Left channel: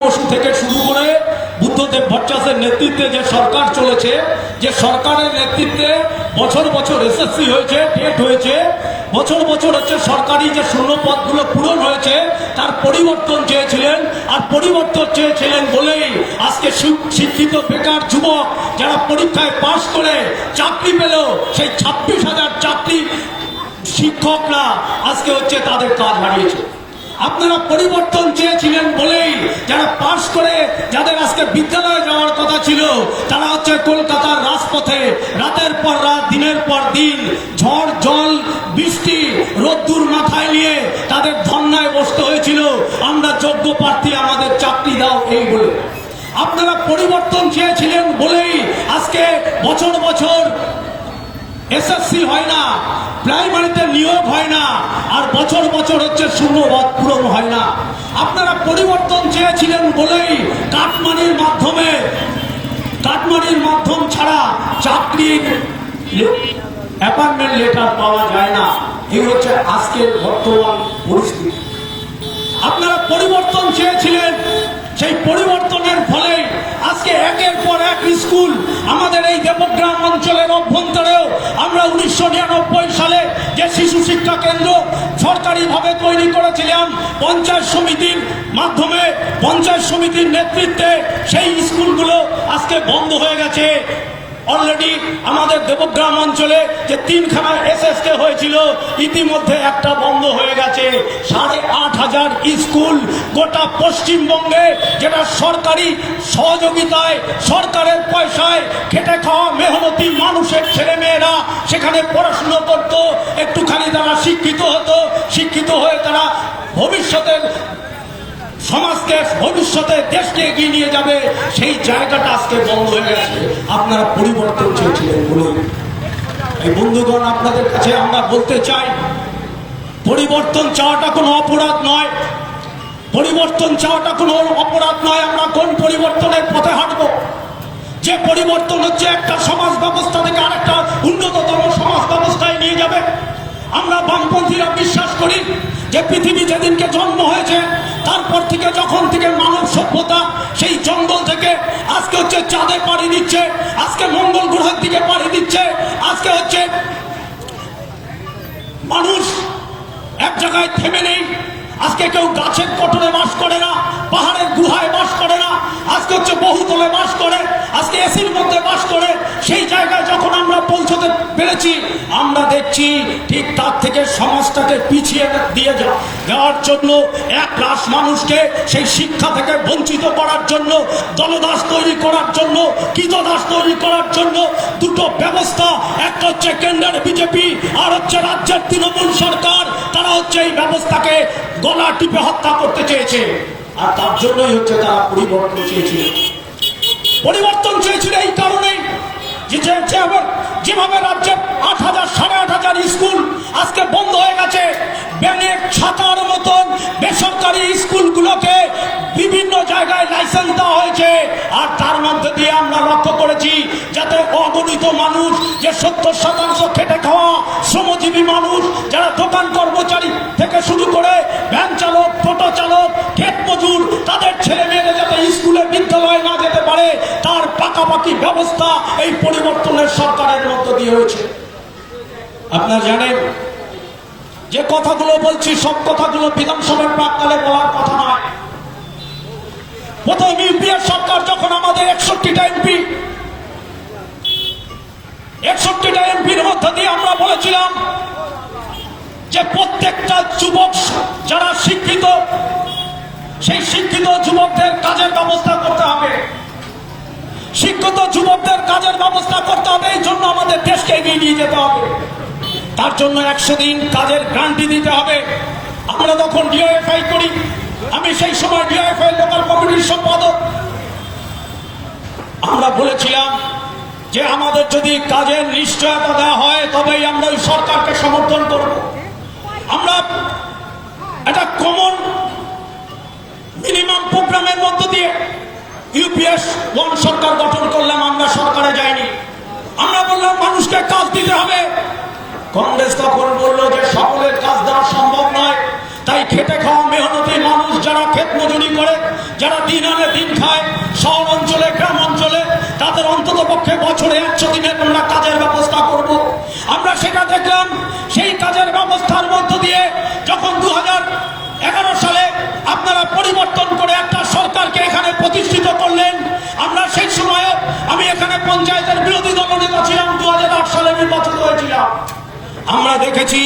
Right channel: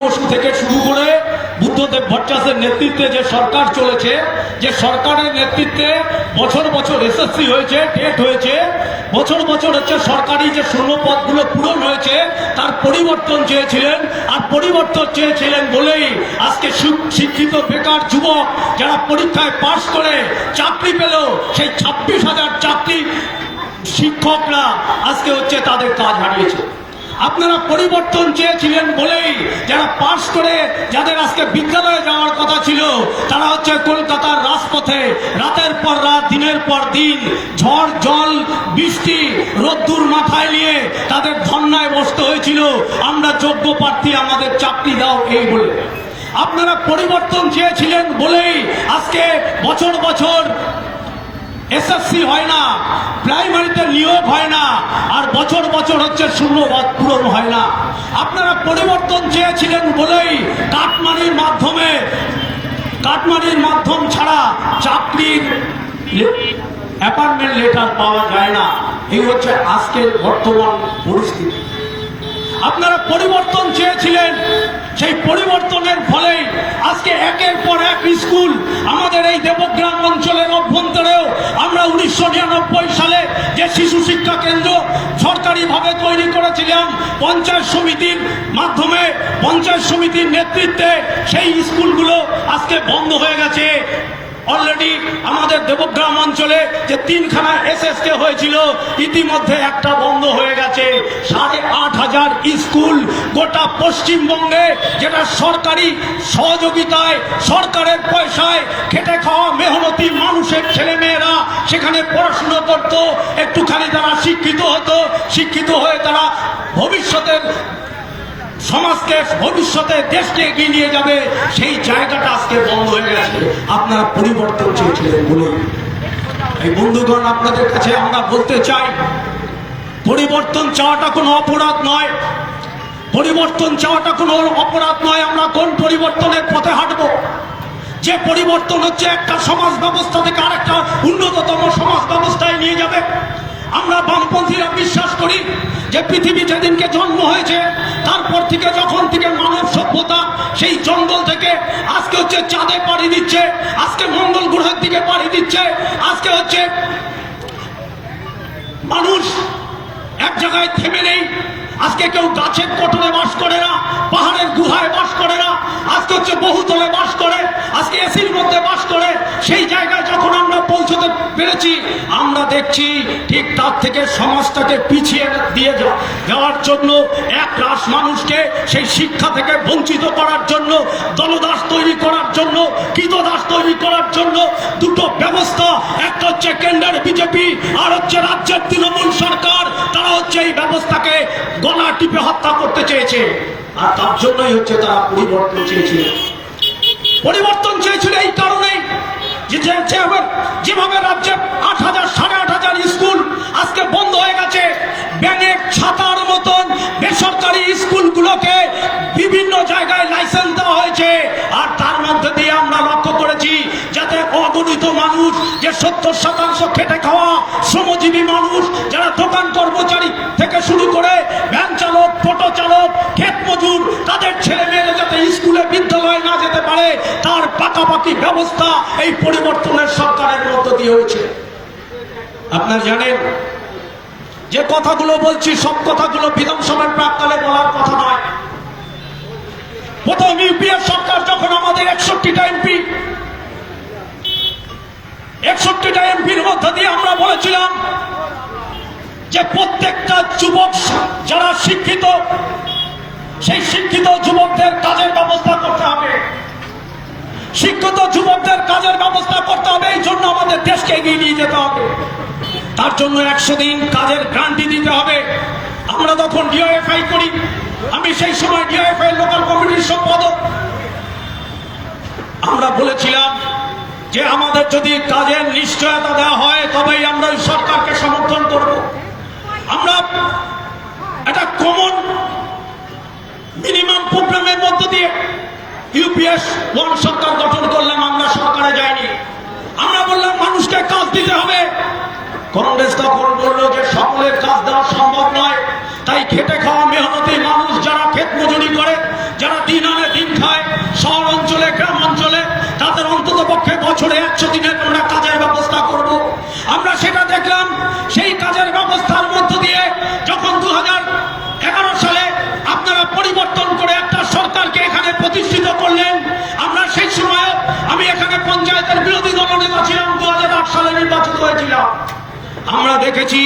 বসু থেকে শুরু করে বুদ্ধদেব ভট্টাচার্যের নেতৃত্বে যে সরকার চলেছে, যে সরকারের নেতৃত্বে বছর বছর এসএসসি হয়েছে, টেট হয়েছে, বছর বছর হচ্ছে সরকারি যে শূন্যপদগুলো পূরণ হয়েছে তার পরিবর্তন চেয়েছিলেন। আর পরিবর্তন চেয়েছিলেন বলেই আজকে শিক্ষিত বেকার যুবক যারা পরীক্ষায় পাশ করে চাকরি পেল, সেই 26,000 চাকরি শিক্ষকরা আজকে হচ্ছে তাদের কাজ হারিয়েছে। আপনারা পরিবর্তন চেয়েছিলেন বলেই যারা পাশ করে যাদের আজকে বিদ্যালয়ে যাওয়ার কথা ছিল তারা হচ্ছে কলকাতার রাজপথে রাতের পর রাত, দিনের পর দিন, ঝড় জল বৃষ্টি রোদ্দুর মাথায় নিয়ে তাদের ধর্নায় বসতে হয়েছিল, আমরা যোগ্য প্রার্থী, আমাদের চাকরি দাও, এই বলে। আপনারা পরিবর্তন চেয়েছিলেন বলেই আজকে বছর বছর এসএসসি হয় না, প্রাইমারিতে নিয়োগ হয় না, আর বছর বছর হচ্ছে শূন্যপদ পূরণ হয় না। আপনারা পরিবর্তন চেয়েছিলেন বলেই কাটমানির মাধ্যম ছাড়া চাকরির অ্যাপয়েন্টমেন্ট লেটার পাওয়া যায় না। এই হচ্ছে আজকের বর্তমান পরিস্থিতি। আপনারা পরিবর্তন চেয়েছিলেন, সেই পরিবর্তনের ফলে আজকে একের পর এক স্কুল আমাদের এই দেবগ্রাম অঞ্চলের অভ্যন্তরেও আমরা 1999 সালে যে শিশু শিক্ষা কেন্দ্র সরকারিভাবে তৈরি করেছিলাম পঞ্চায়েত সমিতির মাধ্যমে, পঞ্চায়েত সমিতির নেতৃত্বে, সেই স্কুলগুলো আজকে বন্ধ হয়ে গেছে। অলরেডি আমাদের দেবগ্রাম অঞ্চলে যে 3খানা এসএসকে হয়েছিল ইতিমধ্যে একটা বন্ধ হয়ে গেছে। 8,500 স্কুল গোটা পশ্চিমবঙ্গে, যেটা সরকারি সহযোগিতায়, সরকারের পয়সায় খেটে খাওয়া মেহনতি মানুষের ছেলেমেয়েরা সেখানে পড়াশুনো করত, একটুখানি তারা শিক্ষিত হতো, শিক্ষিত হয়ে তারা ভবিষ্যতের সমাজকে, ভবিষ্যতে দেশকে এগিয়ে নিয়ে যাবে, সেই জায়গাটা আজকে বন্ধ হয়ে গেছে। আপনারা পরিবর্তন চেয়েছিলেন বলুন। এই বন্ধুগণ, আপনাদের কাছে আমরা বলতে চাই, পরিবর্তন চাওয়াটা কোনো অপরাধ নয়, পরিবর্তন চাওয়াটা কোনো অপরাধ নয়। আমরা কোন পরিবর্তনের পথে হাঁটবো? যে পরিবর্তন হচ্ছে একটা সমাজ ব্যবস্থা থেকে আরেকটা উন্নততম সমাজ ব্যবস্থায় নিয়ে যাবে। আমরা বামপন্থীরা বিশ্বাস করি যে পৃথিবী যেদিনকে জন্ম হয়েছে তারপর থেকে, যখন থেকে মানব সভ্যতা সেই জঙ্গল থেকে আজকে হচ্ছে চাঁদে পাড়ি দিচ্ছে, আজকে মঙ্গল গ্রহের দিকে পাড়ি দিচ্ছে, আজকে হচ্ছে মানুষ এক জায়গায় থেমে নেই। আজকে কেউ গাছের কোটরে বাস করে না, পাহাড়ের গুহায় বাস করে না, আজকে হচ্ছে বহুতলে বাস করে, আজকে এসির মধ্যে বাস করে। সেই জায়গায় যখন আমরা পৌঁছতে পেরেছি, আমরা দেখছি ঠিক তার থেকে সমাজটাকে পিছিয়ে দিয়ে যাওয়ার জন্য, এক রাশ মানুষকে সেই শিক্ষা থেকে বঞ্চিত করার জন্য, দলদাস তৈরি করার জন্য, কৃতদাস তৈরি করার জন্য দুটো ব্যবস্থা, একটা হচ্ছে কেন্দ্রের বিজেপি আর হচ্ছে রাজ্যের তৃণমূল সরকার, তারা হচ্ছে এই ব্যবস্থাকে গলা টিপে হত্যা করতে চেয়েছে। আর তার জন্যই হচ্ছে তারা পরিবর্তন চেয়েছিল। পরিবর্তন চেয়েছিল এই কারণে যেভাবে রাজ্যে 8,000 8,500 স্কুল আজকে বন্ধ হয়ে গেছে, ব্যাঙের ছাতার মতন বেসরকারি স্কুলগুলোকে বিভিন্ন জায়গায় লাইসেন্স দেওয়া হয়েছে। আর তার মধ্যে দিয়ে আমরা লক্ষ্য করেছি যাতে অগণিত মানুষ, যে 70% খেটে খাওয়া শ্রমজীবী মানুষ, যারা দোকান কর্মচারী থেকে শুরু করে ভ্যান চালক, টোটো চালক, ক্ষেত মজুর, তাদের ছেলে মেয়েরা যাতে স্কুলে বিদ্যালয়ে না যেতে পারে তার পাকাপাকি ব্যবস্থা এই পরিবর্তনের সরকারের মধ্য দিয়ে হয়েছে। আপনারা জানেন যে কথাগুলো বলছি, সব কথাগুলো বিধানসভার প্রাক্কালে বলার কথা নয়। প্রথম ইউপিএ সরকার যখন আমাদের 61টা এমপির মধ্যে দিয়ে আমরা বলেছিলাম যে প্রত্যেকটা যুবক যারা শিক্ষিত, সেই শিক্ষিত যুবকদের কাজের ব্যবস্থা করতে হবে, শিক্ষিত যুবকদের কাজের ব্যবস্থা করতে হবে। এই জন্য আমাদের দেশকে এগিয়ে নিয়ে যেতে হবে, তার জন্য 100 দিন কাজের গ্যারান্টি দিতে হবে। আমরা তখন ডিওএফআই করি, আমি সেই সময় ডিওএফআই লোকাল কমিটির সম্পাদক। আমরা বলেছিলাম যে আমাদের যদি কাজের নিশ্চয়তা দেওয়া হয় তবেই আমরা এই সরকারকে সমর্থন করব। আমরা একটা কমন মিনিমাম প্রোগ্রামের মধ্য দিয়ে ইউপিএস 1 সরকার গঠন করলাম। আমরা সরকারে যাইনি, আমরা বললাম মানুষকে কাজ দিতে হবে। কংগ্রেস তখন বলল যে সকলের কাজ দেওয়া সম্ভব নয়, তাই খেটে খাওয়া মেহনতি মানুষ যারা ক্ষেত মজুরি করে যারা দিন আনে দিন খায় শহর অঞ্চলে গ্রাম অঞ্চলে, তাদের অন্তত পক্ষে বছরে 100 দিনের আমরা কাজের ব্যবস্থা করব। আমরা সেটা দেখলাম। সেই কাজের ব্যবস্থার মধ্য দিয়ে যখন 2011 সালে আপনারা পরিবর্তন করে একটা সরকারকে এখানে প্রতিষ্ঠিত করলেন, আমরা সেই সময় আমি এখানে পঞ্চায়েতের বিরোধী দলনেতা ছিলাম, 2008 সালে নির্বাচিত হয়েছিলাম। আমরা দেখেছি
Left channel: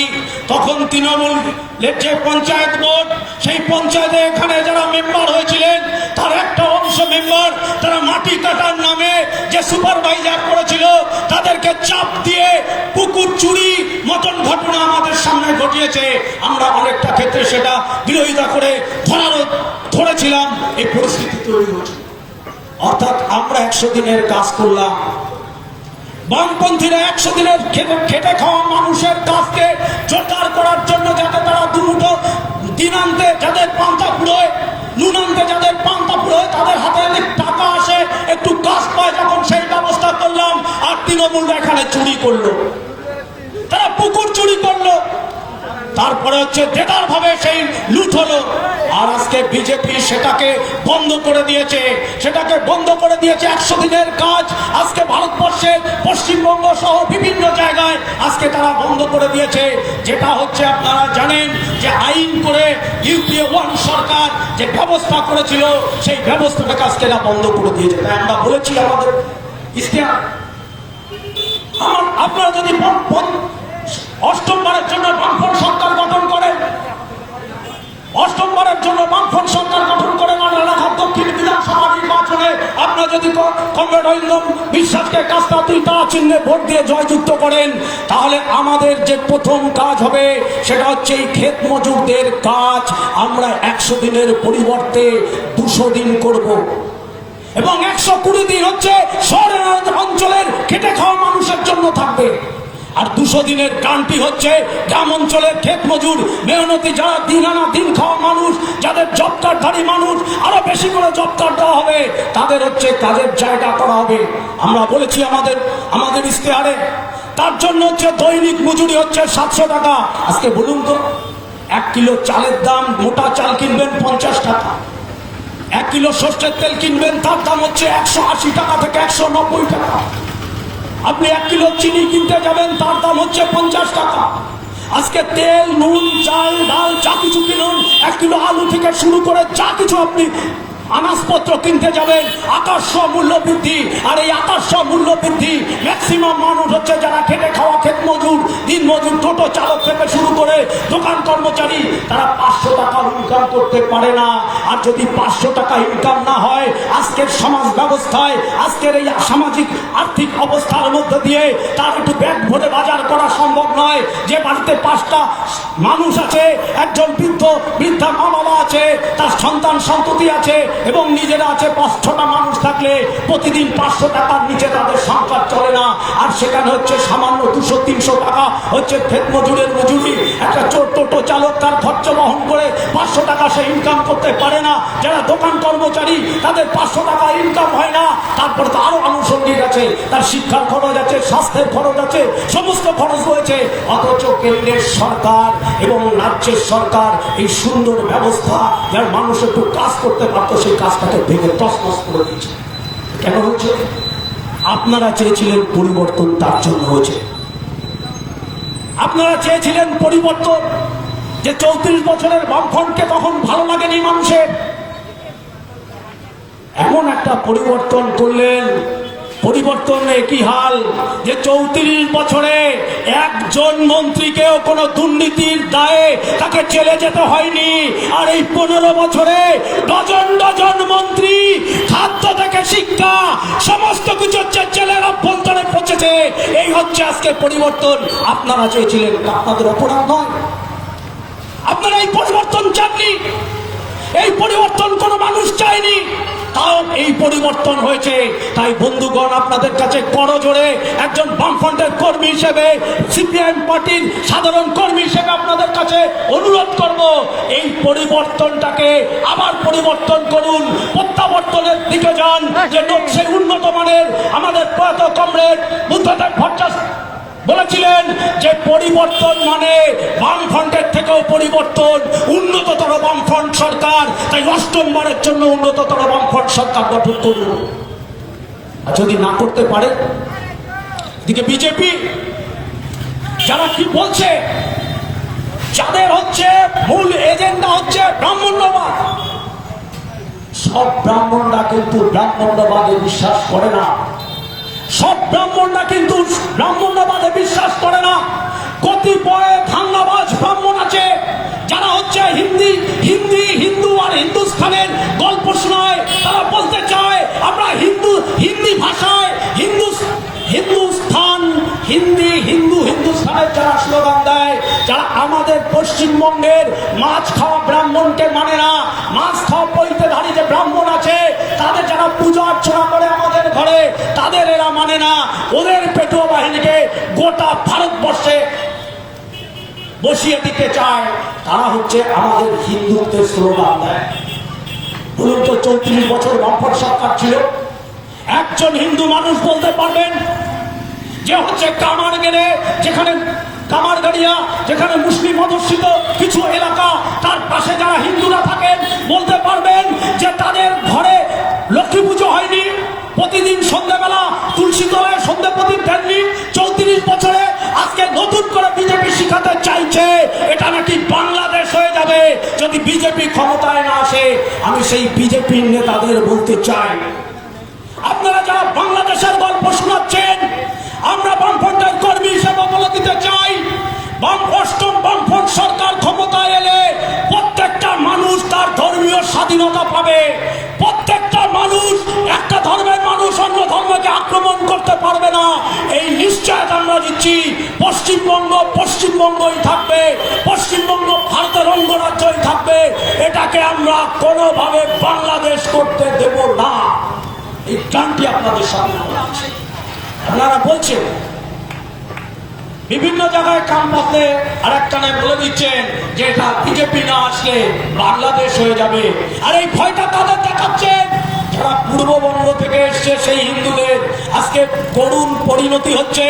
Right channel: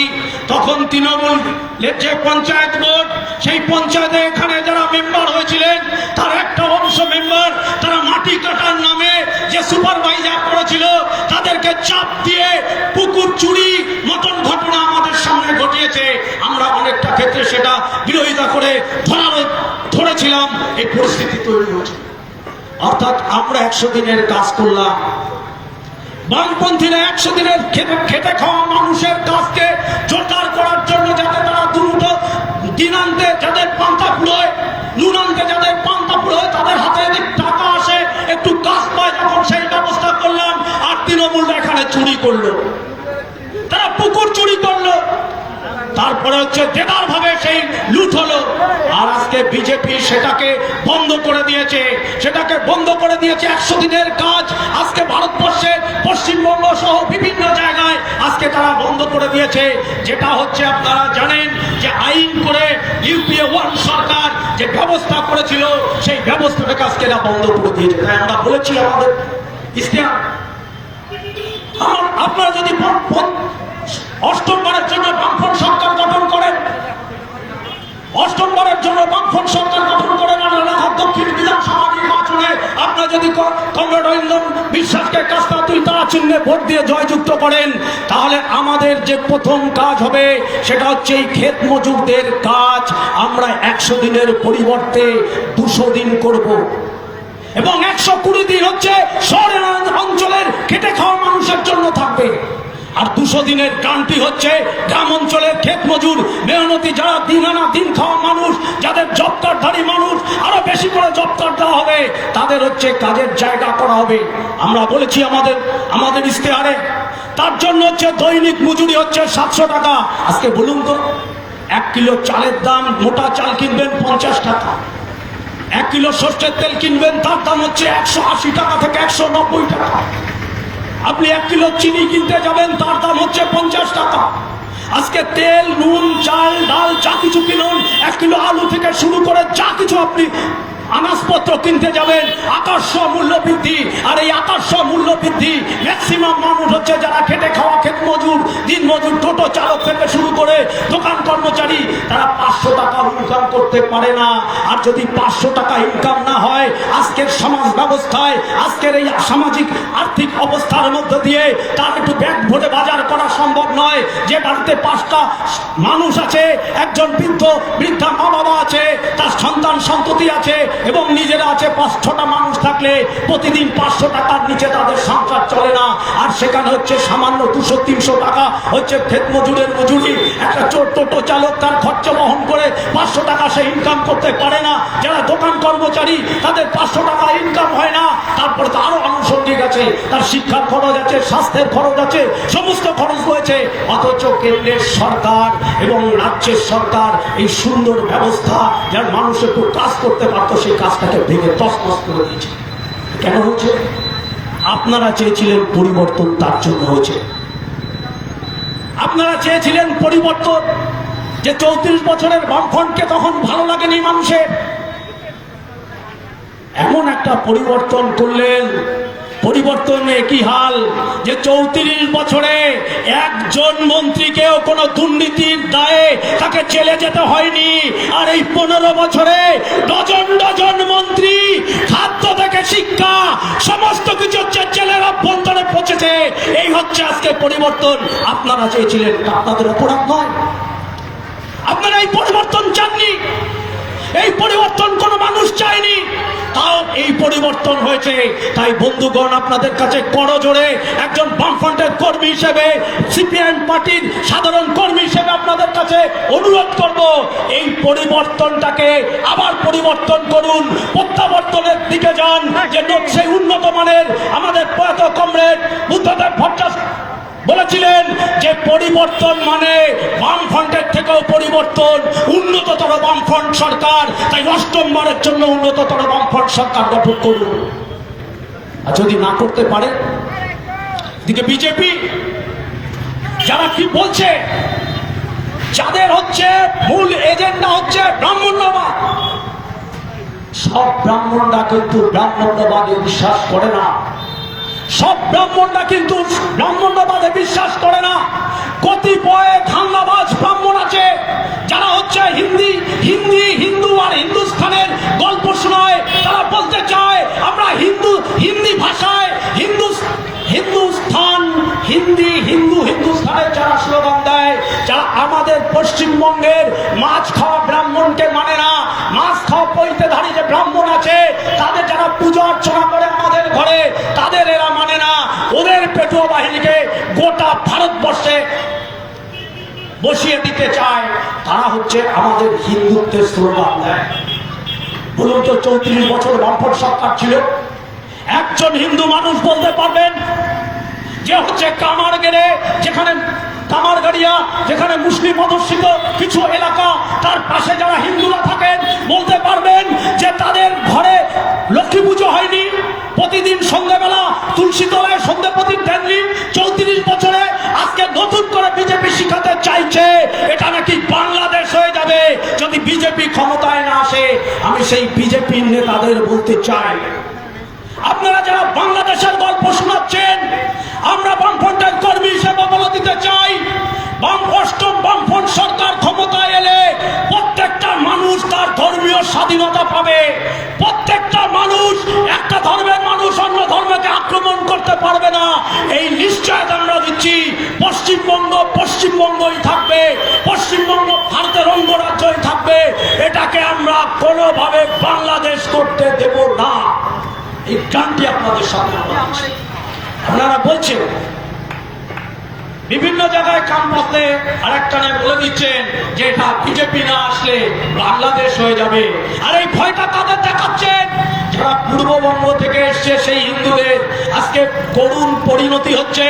তখন তৃণমূলের যে পঞ্চায়েত বোর্ড, সেই পঞ্চায়েতে এখানে যারা মেম্বার হয়েছিলেন তার একটা অংশ মেম্বার তারা মাটি কাটার নামে যে সুপারভাইজার করেছিল তাদেরকে চাপ দিয়ে পুকুর চুরি মতন ঘটনা আমাদের সামনে ঘটিয়েছে। আমরা অনেকটা ক্ষেত্রে সেটা বিরোধিতা করে ধরেছিলাম। এই পরিস্থিতি তৈরি হয়েছে। অর্থাৎ আমরা 100 দিনের কাজ করলাম, বামপন্থীরা 100 দিনের খেটে খাওয়া মানুষের কাজকে জোরদার করার জন্য, যাতে তারা দুটো দিন আনতে যাদের পান্তা ফুরোয়, নুন আনতে যাদের পান্তা ফুরোয়, তাদের হাতে টাকা আসে, একটু কাজ পায়, যখন সেই ব্যবস্থা করলাম। আর তৃণমূলরা এখানে চুরি করলো, তারা পুকুর চুরি করলো, তারপরে হচ্ছে দেদার ভাবে সেই লুট হলো। আর আজকে বিজেপি সেটাকে বন্ধ করে দিয়েছে, 100 দিনের কাজ আজকে ভারতবর্ষে পশ্চিমবঙ্গ সহ বিভিন্ন জায়গায় আজকে তারা বন্ধ করে দিয়েছে। যেটা হচ্ছে আপনারা জানেন যে আইন করে ইউপিএ 1 সরকার যে ব্যবস্থা করেছিল সেই ব্যবস্থাটাকে আজকে এরা বন্ধ করে দিয়েছে। তাই আমরা বলেছি আমাদের ইশতেহার, আপনারা যদি 8মবারের জন্য বামফ্রন্ট সরকার গঠন করেন, 8মবারের জন্য বামফ্রন্ট সরকার গঠন করেন, রানাঘাট দক্ষিণ বিধানসভা নির্বাচনে আপনারা যদি কমরেড অরিন্দম বিশ্বাসকে কাস্তা তুই তারা চিহ্নে ভোট দিয়ে জয়যুক্ত করেন, তাহলে আমাদের যে প্রথম কাজ হবে সেটা হচ্ছে এই ক্ষেত মজুরদের কাজ আমরা 100 দিনের পরিবর্তে 200 দিন করব, এবং 120 দিন হচ্ছে শহরের অঞ্চলের খেটে খাওয়া মানুষের জন্য থাকবে। আর 200 দিনের গানটি হচ্ছে গ্রাম অঞ্চলের ক্ষেত মজুর মেহনতি যারা দিন আনা দিন খাওয়া মানুষ, যাদের জব কার্ডধারী মানুষ, আরো বেশি করে জব কার্ড দেওয়া হবে, তাদের হচ্ছে কাজের জায়গা করা হবে। আমরা বলেছি আমাদের ইশতেহারে, তার জন্য হচ্ছে দৈনিক মজুরি হচ্ছে 700 টাকা। আজকে বলুন তো, 1 কিলো চালের দাম, মোটা চাল কিনবেন 50 টাকা, 1 কিলো সর্ষের তেল কিনবেন তার দাম হচ্ছে 180 টাকা থেকে 190 টাকা। আপনি 1 কিলো চিনি কিনতে যাবেন তার দাম হচ্ছে 50 টাকা। আজকে তেল, নুন, চাল, ডাল যা কিছু কিনুন, 1 কিলো আলু থেকে শুরু করে যা কিছু আপনি আনাজপত্র কিনতে যাবেন, আকাশ মূল্য বৃদ্ধি। আর এই আকাশ মূল্য বৃদ্ধি ম্যাক্সিমাম মানুষ হচ্ছে যারা খেটে খাওয়া ক্ষেত মজুর, দিন মজুর, টোটো চালক থেকে শুরু করে দোকান কর্মচারী, তারা 500 টাকা ইনকাম করতে পারে না। আর যদি 500 টাকা ইনকাম না হয়, আজকের সমাজ ব্যবস্থায়, আজকের এই সামাজিক আর্থিক অবস্থার মধ্যে দিয়ে তার একটু ব্যাগ ভরে বাজার করা সম্ভব নয়। যে বাড়িতে 5টা মানুষ আছে, একজন বৃদ্ধা মা বাবা আছে, তার সন্তান সন্ততি আছে এবং নিজেরা আছে, 5-6টা মানুষ থাকলে প্রতিদিন 500 টাকার নিচে তাদের সংসার চলে না। আর সেখানে হচ্ছে সামান্য 200-300 টাকা হচ্ছে ক্ষেত মজুরের মজুরি। একটা টোটো চালক তার খরচ বহন করে 500 টাকা সে ইনকাম করতে পারে না। যারা দোকান কর্মচারী তাদের 500 টাকা ইনকাম হয় না। তারপর তো আরো আনুষঙ্গিক আছে, তার শিক্ষার খরচ আছে, স্বাস্থ্যের খরচ আছে, সমস্ত খরচ রয়েছে। অথচ কেন্দ্রের সরকার এবং রাজ্যের সরকার এই সুন্দর ব্যবস্থা, যার মানুষ একটু কাজ করতে পারতো, সেই কাজটাকে ভেঙে তছনছ করে দিয়েছে। কেন হচ্ছে? আপনারা চেয়েছিলেন পরিবর্তন, তার জন্য হয়েছে। আপনারা চেয়েছিলেন পরিবর্তন, যে 34 বছরের বামফ্রন্টকে তখন ভালো লাগেনি মানুষের, এমন একটা পরিবর্তন করলেন। পরিবর্তনে কি হাল, যে 34 বছরে একজন মন্ত্রীকেও কোনো দুর্নীতির দায়ে তাকে জেলে যেতে হয়নি। আর এই 15 বছরে ডজন ডজন মন্ত্রী, খাদ্য থেকে শিক্ষা, সমস্ত কিছু হচ্ছে জেলের অভ্যন্তরে পৌঁছেছে। এই হচ্ছে আজকে পরিবর্তন। আপনারা চেয়েছিলেন, আপনাদের অপরাধ নয়। আপনারা এই পরিবর্তন চাননি, এই পরিবর্তন কোনো মানুষ চায়নি, তাও এই পরিবর্তন হয়েছে। তাই বন্ধুগণ, আপনাদের কাছে করজোড়ে একজন বামফ্রন্টের কর্মী হিসেবে, সিপিআইএম পার্টির সাধারণ কর্মী হিসেবে আপনাদের কাছে অনুরোধ করব, এই পরিবর্তনটাকে আবার পরিবর্তন করুন, প্রত্যাবর্তনের দিকে যান। যে সেই উন্নত মানের আমাদের প্রয়াত কমরেড বুদ্ধদেব ভট্টাচার্য বলেছিলেন যে পরিবর্তন মানে বামফ্রন্টের থেকেও পরিবর্তন, উন্নততর বামফ্রন্ট সরকার, তাই অষ্টমবারের জন্য উন্নততর বামফ্রন্ট সরকার গঠন করব। আর যদি না করতে পারে, এদিকে বিজেপি যারা কি বলছে, যাদের হচ্ছে মূল এজেন্ডা হচ্ছে ব্রাহ্মণ্যবাদ। সব ব্রাহ্মণরা কিন্তু ব্রাহ্মণ্যবাদে বিশ্বাস করে না, সব ব্রাহ্মণরা কিন্তু ব্রাহ্মণ্যবাদে বিশ্বাস করে না। কতিপয় ধান্দাবাজ ব্রাহ্মণ আছে যারা হচ্ছে হিন্দু আর হিন্দুস্থানের গল্প শোনায়। তারা বলতে চায় আমরা হিন্দি ভাষায় হিন্দুস্থানের যারা স্লোগান দেয়, যারা আমাদের পশ্চিমবঙ্গের মাছ খাওয়া ব্রাহ্মণকে মানে না, মাছ খাওয়া পৈতেধারী যে ব্রাহ্মণ আছে তাদের যারা পূজা অর্চনা করে আমাদের ঘরে, তাদের এরা মানে না। ওদের পেটুয়া বাহিনীকে গোটা ভারতবর্ষে বসিয়ে দিতে চায়। তারা হচ্ছে আমাদের হিন্দুত্বের স্লোগান দেয়। বলুন তো, 34 বছর বামফ্রন্ট সরকার ছিল, একজন হিন্দু মানুষ বলতে পারবেন যে হচ্ছে কামারগেড়ে, যেখানে কামারগাড়িয়া, যেখানে মুসলিম অধ্যুষিত কিছু এলাকা, তার পাশে যারা হিন্দুরা থাকেন, বলতে পারবেন যে তাদের ঘরে লক্ষ্মী পুজো হয়নি, প্রতিদিন সন্ধ্যাবেলা তুলসী তলায় সন্ধ্যা প্রদীপ দেননি? 34 বছরে আজকে নতুন করে বিজেপি শিখাতে চাইছে এটা নাকি বাংলাদেশ হয়ে যাবে যদি বিজেপি ক্ষমতায় না আসে। আমি সেই বিজেপির নেতাদের বলতে চাই, আপনারা যারা বাংলাদেশের গল্প শোনাচ্ছেন, আমরা বামফ্রন্টের কর্মী হিসেবে বলে দিতে চাই, বামফ্রন্ট সরকার ক্ষমতায় এলে প্রত্যেকটা মানুষ তার ধর্মীয় স্বাধীনতা পাবে। প্রত্যেকটা মানুষ, একটা ধর্মের মানুষ অন্য ধর্মকে আক্রমণ করতে পারবে না, এই নিশ্চয়তা আমরা দিচ্ছি। পশ্চিমবঙ্গই থাকবে, পশ্চিমবঙ্গ ভারতের অঙ্গরাজ্যই থাকবে। এটাকে আমরা কোনোভাবে বাংলাদেশ করতে দেব না। এই গানটি আপনাদের সামনে আপনারা বলছেন, বিভিন্ন জায়গায় কান পাতলে আরেকটা বলে দিচ্ছেন যে এটা বিজেপি না আসলে বাংলাদেশ হয়ে যাবে। আর এই ভয়টা তাদের দেখাচ্ছেন যারা পূর্ববঙ্গ থেকে এসছে, সেই হিন্দুদের আজকে করুণ পরিণতি হচ্ছে।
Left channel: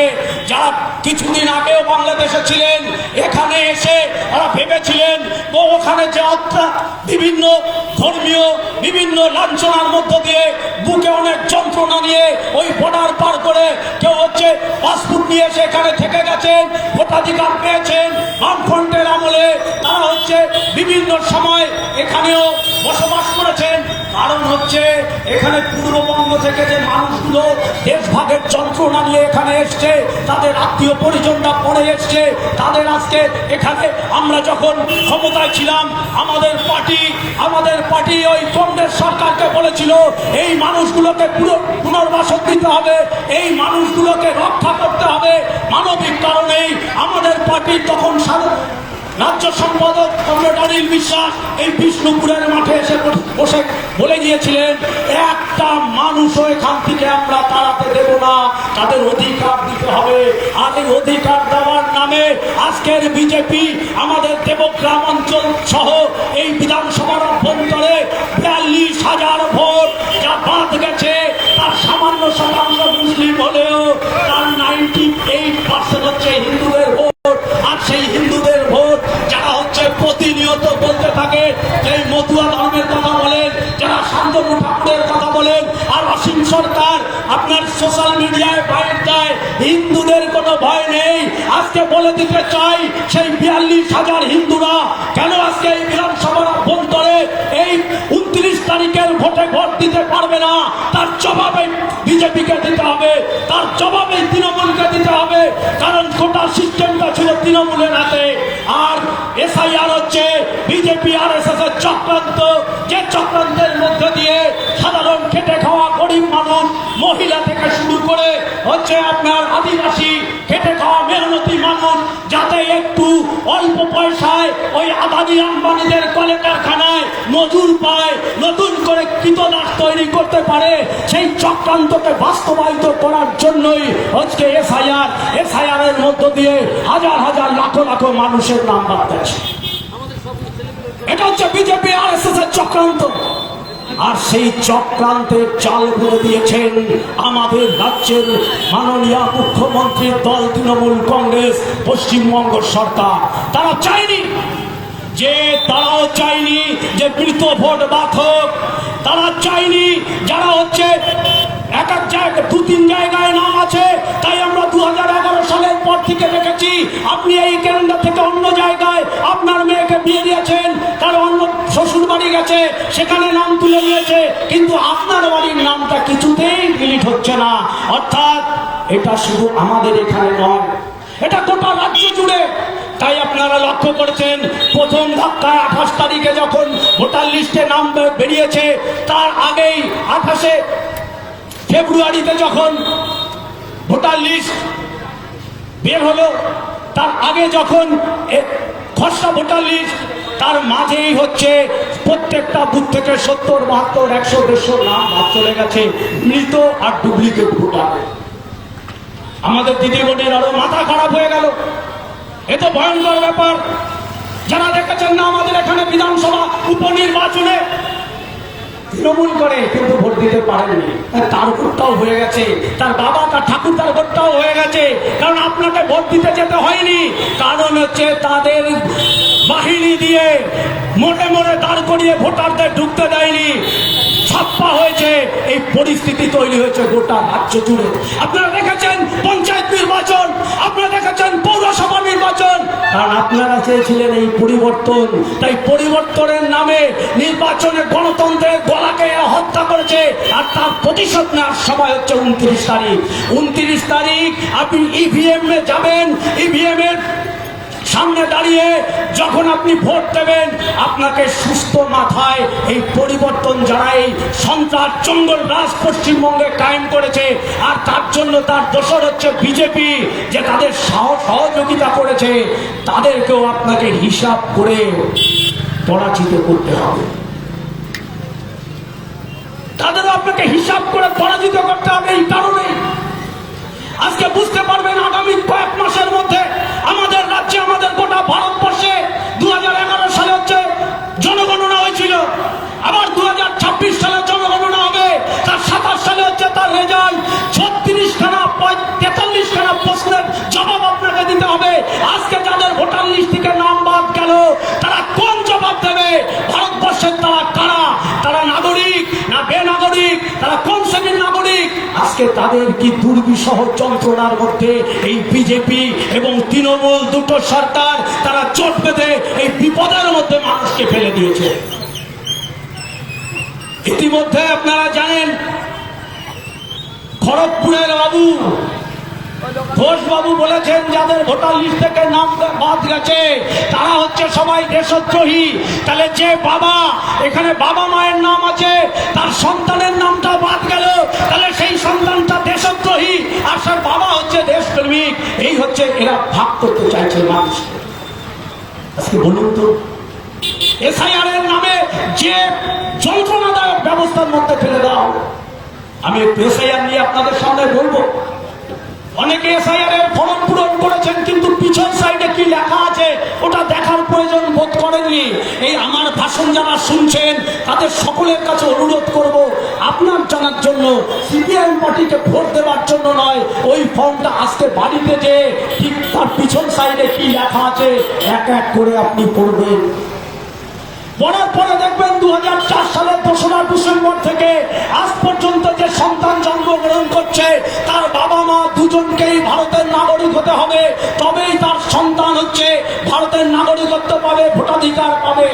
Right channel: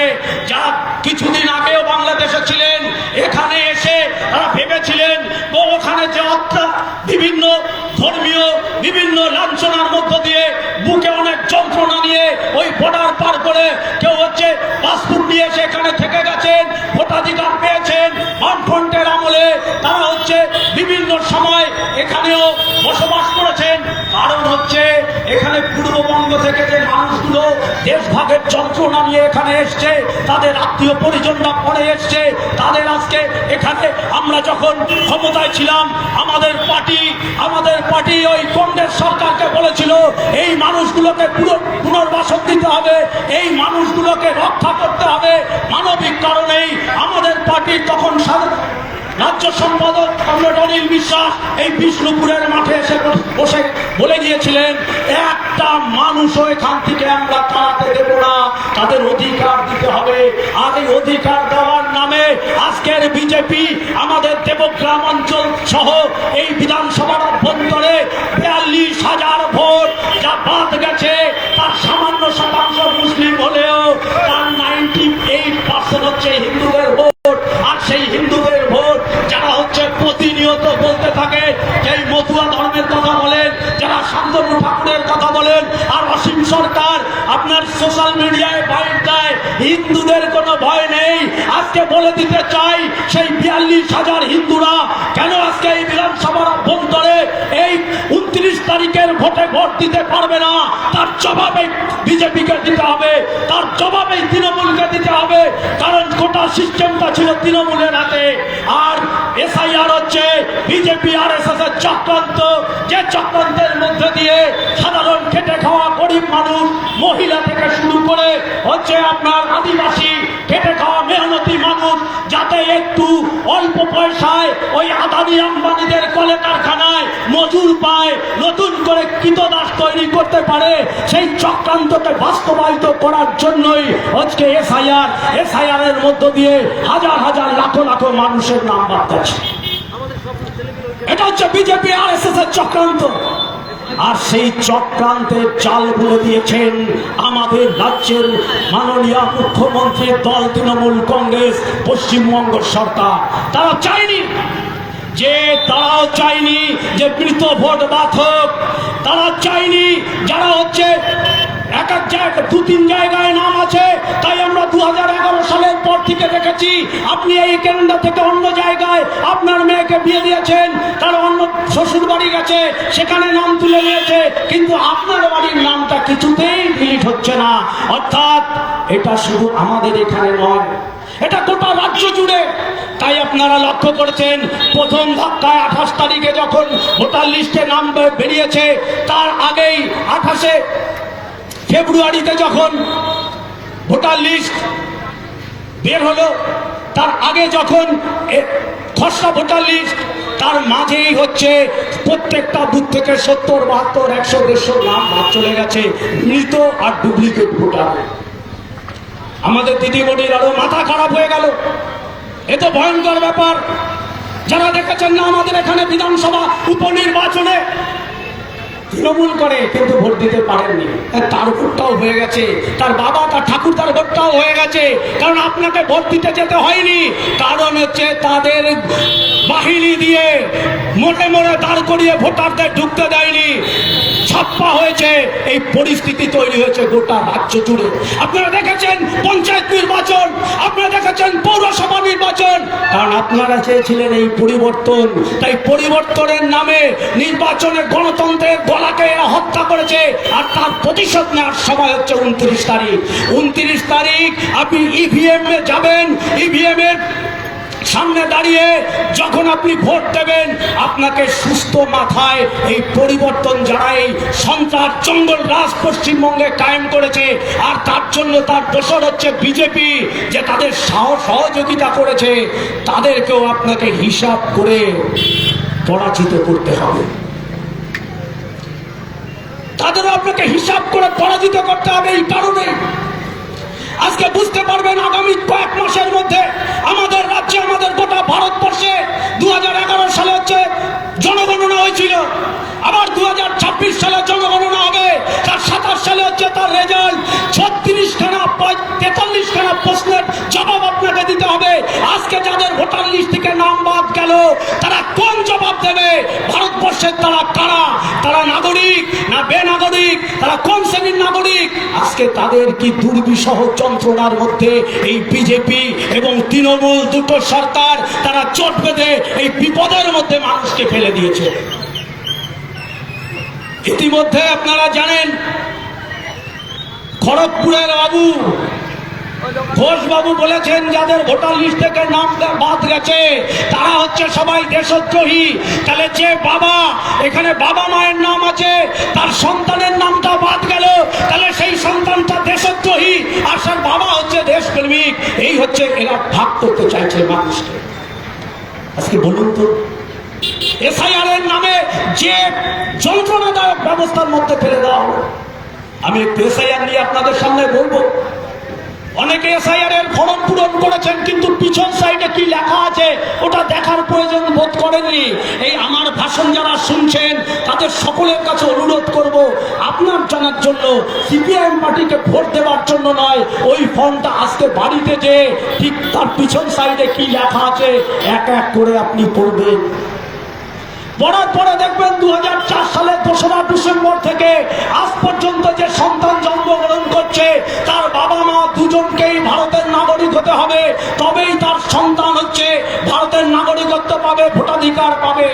যারা কিছুদিন আগেও বাংলাদেশে ছিলেন, এখানে এসে তারা ভেবেছিলেন তো ওখানে যে বিভিন্ন ধর্মীয় বিভিন্ন লাঞ্ছনার মধ্য দিয়ে বুকে অনেক যন্ত্রণা নিয়ে ওই বর্ডার পার করে কেউ হচ্ছে পাসপোর্ট নিয়ে এসে এখানে থেকে গেছেন, ভোটাধিকার পেয়েছেন। বামফ্রন্টের আমলে তারা হচ্ছে বিভিন্ন সময় এখানেও বসবাস করেছেন। কারণ হচ্ছে এখানে পূর্ববঙ্গ থেকে যে মানুষগুলো দেশভাগের যন্ত্রণা নিয়ে এখানে এসছে, তাদের আত্মীয় পরিজনরা পরে এসছে, তাদের আজকে এখানে আমরা যখন ক্ষমতায় ছিলাম আমাদের পার্টি ওই কংগ্রেস সরকারকে বলেছিল এই মানুষগুলোকে পুনর্বাসন দিতে হবে, এই মানুষগুলোকে রক্ষা করতে হবে। মানবিক কারণেই আমাদের পার্টি তখন রাজ্য সম্পাদক কমরেড অনিল বিশ্বাস এই বিষ্ণুপুরের মাঠে এসে বসে বলে গিয়েছিলেন একটা মানুষও এখান থেকে আমরা তাড়াতে দেব না, তাদের অধিকার দিতে হবে। আর এই অধিকার দেওয়ার নামে আজকের বিজেপি আমাদের দেবগ্রাম অঞ্চল সহ এই বিধানসভার অভ্যন্তরে 42,000 ভোট যা বাদ গেছে, তার সামান্য শতাংশ মুসলিম হলেও তার 98% হচ্ছে হিন্দুদের ভোট। আর সেই হিন্দুদের ভোট যারা হচ্ছে প্রতিনিয়ত বলতে থাকে, যে মতুয়া ধর্মের কথা বলেন, যারা শান্তনু ঠাকুরের কথা বলেন, আর অসীম সরকার আপনার সোশ্যাল মিডিয়ায় বাইর দেয় হিন্দুদের কোনো ভয় নেই। আজকে বলে দিতে চাই সেই 42,000 হিন্দুরা কেন আজকে এই বিধানসভার অভ্যন্তরে এই 29 তারিখের ভোটে ভোট দিতে পারবে না, তার জবাবে বিজেপিকে দিতে হবে, তার জবাবে তৃণমূলকে দিতে হবে। কারণ গোটা সিস্টেমটা ছিল তৃণমূলের হাতে। আর এসআইআর হচ্ছে বিজেপি আর এসএস এর চক্রান্ত, যে চক্রান্তের মধ্যে দিয়ে সাধারণ খেটে খাওয়া গরিব মানুষ, মহিলা থেকে শুরু করে হচ্ছে আপনার আদিবাসী খেটে খাওয়া মেহনতি মানুষ যাতে একটু অল্প পয়সায় ওই আদানি আম্বানিদের কলে কারখানায় মজুর পায়, নতুন করে কৃতদাস তৈরি করতে পারে, সেই চক্রান্তকে বাস্তবায়িত করার জন্যই আজকে এসআইআর এর মধ্য দিয়ে হাজার হাজার লাখ লাখ মানুষের নাম বাদ যাচ্ছে। এটা হচ্ছে বিজেপি আর এস এস এর চক্রান্ত। আর সেই চক্রান্তের চাল করে দিয়েছেন আমাদের রাজ্যের মাননীয় মুখ্যমন্ত্রীর দল তৃণমূল কংগ্রেস পশ্চিমবঙ্গ সরকার। তারাও চায়নি যে মৃত ভোট বাদ হোক, তারা চায়নি যারা হচ্ছে এক এক জায়গায় 2-3 জায়গায় নাম আছে। তাই আমরা 2011 সালের পর থেকে দেখেছি আপনি এই ক্যালেন্ডার থেকে অন্য জায়গায় আপনার মেয়েকে বিয়ে দিয়েছেন, তার অন্য শ্বশুর বাড়ি গেছে, সেখানে নাম তুলে নিয়েছে, কিন্তু আপনার বাড়ির নামটা কিছুতেই ডিলিট হচ্ছে না। অর্থাৎ এটা শুধু আমাদের এখানে নয়, এটা গোটা রাজ্য জুড়ে। তাই আপনারা লক্ষ্য করেছেন প্রথম ধাক্কায় 28 তারিখে যখন ভোটার লিস্টে নাম বেরিয়েছে, তার আগেই 28 ফেব্রুয়ারিতে যখন ভোটার লিস্ট বের হলো, তার আগে যখন খসড়া ভোটার লিস্ট, তার মাঝেই হচ্ছে প্রত্যেকটা বুথ থেকে 70, 72, 100, 150 নাম বাদ চলে গেছে মৃত আর ডুপ্লিকেট ভোটার। আমাদের দিদিমণির আরো মাথা খারাপ হয়ে গেল। এ তো ভয়ঙ্কর ব্যাপার। যারা দেখেছেন না আমাদের এখানে বিধানসভা উপনির্বাচনে তৃণমূল করে কিন্তু ভোট দিতে পারেননি, তার ভোটটাও হয়ে গেছে, তার বাবা তার ঠাকুর তার ভোটটাও হয়ে গেছে। কারণ আপনাকে ভোট দিতে যেতে হয়নি, কারণ হচ্ছে তাদের বাহিনী দিয়ে মোটে মোড়ে দাঁড় করিয়ে ভোটারদের ঢুকতে দেয়নি, ছাপ্পা হয়েছে। এই পরিস্থিতি তৈরি হয়েছে গোটা রাজ্য জুড়ে। আপনারা দেখেছেন পঞ্চায়েত নির্বাচন, আপনারা দেখেছেন পৌরসভা নির্বাচন, কারণ আপনারা চেয়েছিলেন এই পরিবর্তন। তাই পরিবর্তনের নামে নির্বাচনে গণতন্ত্রের গলাকে এরা হত্যা করেছে। আর তার প্রতিশোধ নেওয়ার সময় হচ্ছে 29 তারিখ। 29 তারিখ আপনি ইভিএম এ যাবেন, ইভিএম এর সামনে দাঁড়িয়ে যখন আপনি ভোট দেবেন, আপনাকে সুস্থ মাথায় এই পরিবর্তন যারা এই সন্ত্রাস জঙ্গল রাজ পশ্চিমবঙ্গে কায়েম করেছে, আর তার জন্য তার দোষর হচ্ছে বিজেপি, যে তাদের সহযোগিতা করেছে, তাদেরকেও আপনাকে হিসাব করে পরাজিত করতে হবে। তাদেরও আপনাকে হিসাব করে পরাজিত করতে হবে। এই কারণে আজকে বুঝতে পারবেন আগামী কয়েক মাসের মধ্যে আমাদের রাজ্যে, আমাদের গোটা ভারতবর্ষে 2011 সালে হচ্ছে জনগণনা হয়েছিল, আবার 2026 সালে জনগণনা হবে, তার 27 সালে হচ্ছে তার রেজাল্ট। 43 খানা প্রশ্নের জবাব আপনাকে দিতে হবে। আজকে যাদের ভোটার লিস্ট থেকে নাম বাদ গেল, তারা কোন জবাব দেবে? ভারতবর্ষের তারা কারা? তারা নাগরিক না বেনাগরিক? তারা কোন শ্রেণীর নাগরিক? আজকে তাদের কি দুর্বিষহ যন্ত্রণার মধ্যে এই বিজেপি এবং তৃণমূল দুটো সরকার তারা চোট বেঁধে এই বিপদের মধ্যে মানুষকে ফেলে দিয়েছে। ইতিমধ্যে আপনারা জানেন খড়গপুরের বাবু ঘোষবাবু বলেছেন যাদের ভোটার লিস্ট থেকে নাম বাদ গেছে তারা হচ্ছে সবাই দেশদ্রোহী। তাহলে যে বাবা, এখানে বাবা মায়ের নাম আছে, তার সন্তানের নামটা বাদ গেল, তাহলে সেই সন্তানটা দেশদ্রোহী, আর তার বাবা হচ্ছে দেশপ্রেমিক। এই হচ্ছে এরা ভাগ করতে চাইছে মানুষকে। আজকে বলুন তো, এসআইআর এর নামে যে যন্ত্রণাদায়ক ব্যবস্থার মধ্যে ফেলে দেওয়া, আমি একটু এসআইআর নিয়ে আপনাদের সামনে বলবো। অনেকে এসআইআর এর ফর্ম পূরণ করেছেন, কিন্তু পিছন সাইডে কি লেখা আছে ওটা দেখার প্রয়োজন বোধ করেননি। এই আমার ভাষণ যারা শুনছেন তাদের সকলের কাছে অনুরোধ করব, আপনার জানার জন্য, সিপিআইএম পার্টিকে ভোট দেওয়ার জন্য নয়, ওই ফর্মটা আজকে বাড়িতে যে ঠিক তার পিছন সাইডে কি লেখা আছে এক এক করে আপনি পড়বেন। পড়ার পরে দেখবেন 2004 সালের 2রা ডিসেম্বর থেকে আজ পর্যন্ত যে সন্তান জন্মগ্রহণ করছে তার বাবা মা দুজনকেই ভারতের নাগরিক হতে হবে, তবেই তার সন্তান হচ্ছে ভারতের নাগরিকত্ব পাবে, ভোটাধিকার পাবে।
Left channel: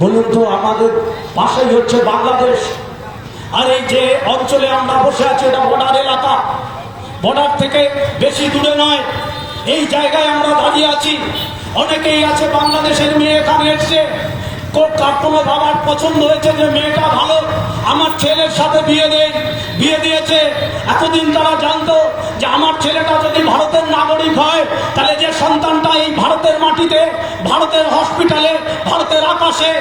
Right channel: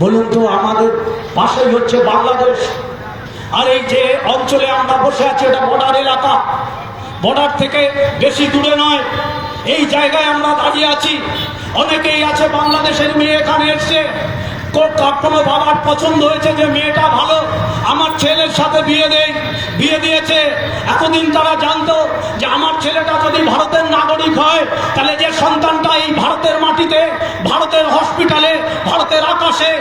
বলুন তো, আমাদের পাশেই হচ্ছে বাংলাদেশ, আর এই যে অঞ্চলে আমরা বসে আছি এটা বর্ডার এলাকা, বর্ডার থেকে বেশি দূরে নয়, এই জায়গায় আমরা দাঁড়িয়ে আছি। অনেকেই আছে বাংলাদেশের মেয়ে এখানে এসছে, কোনো বাবার পছন্দ হয়েছে যে মেয়েটা ভালো, আমার ছেলের সাথে বিয়ে দিয়েছে। এতদিন তারা জানতো যে আমার ছেলেটা যদি ভারতের নাগরিক হয় তাহলে যে সন্তানটা এই ভারত ভারতের মাটিতে, ভারতের হসপিটালে, ভারতের আকাশে,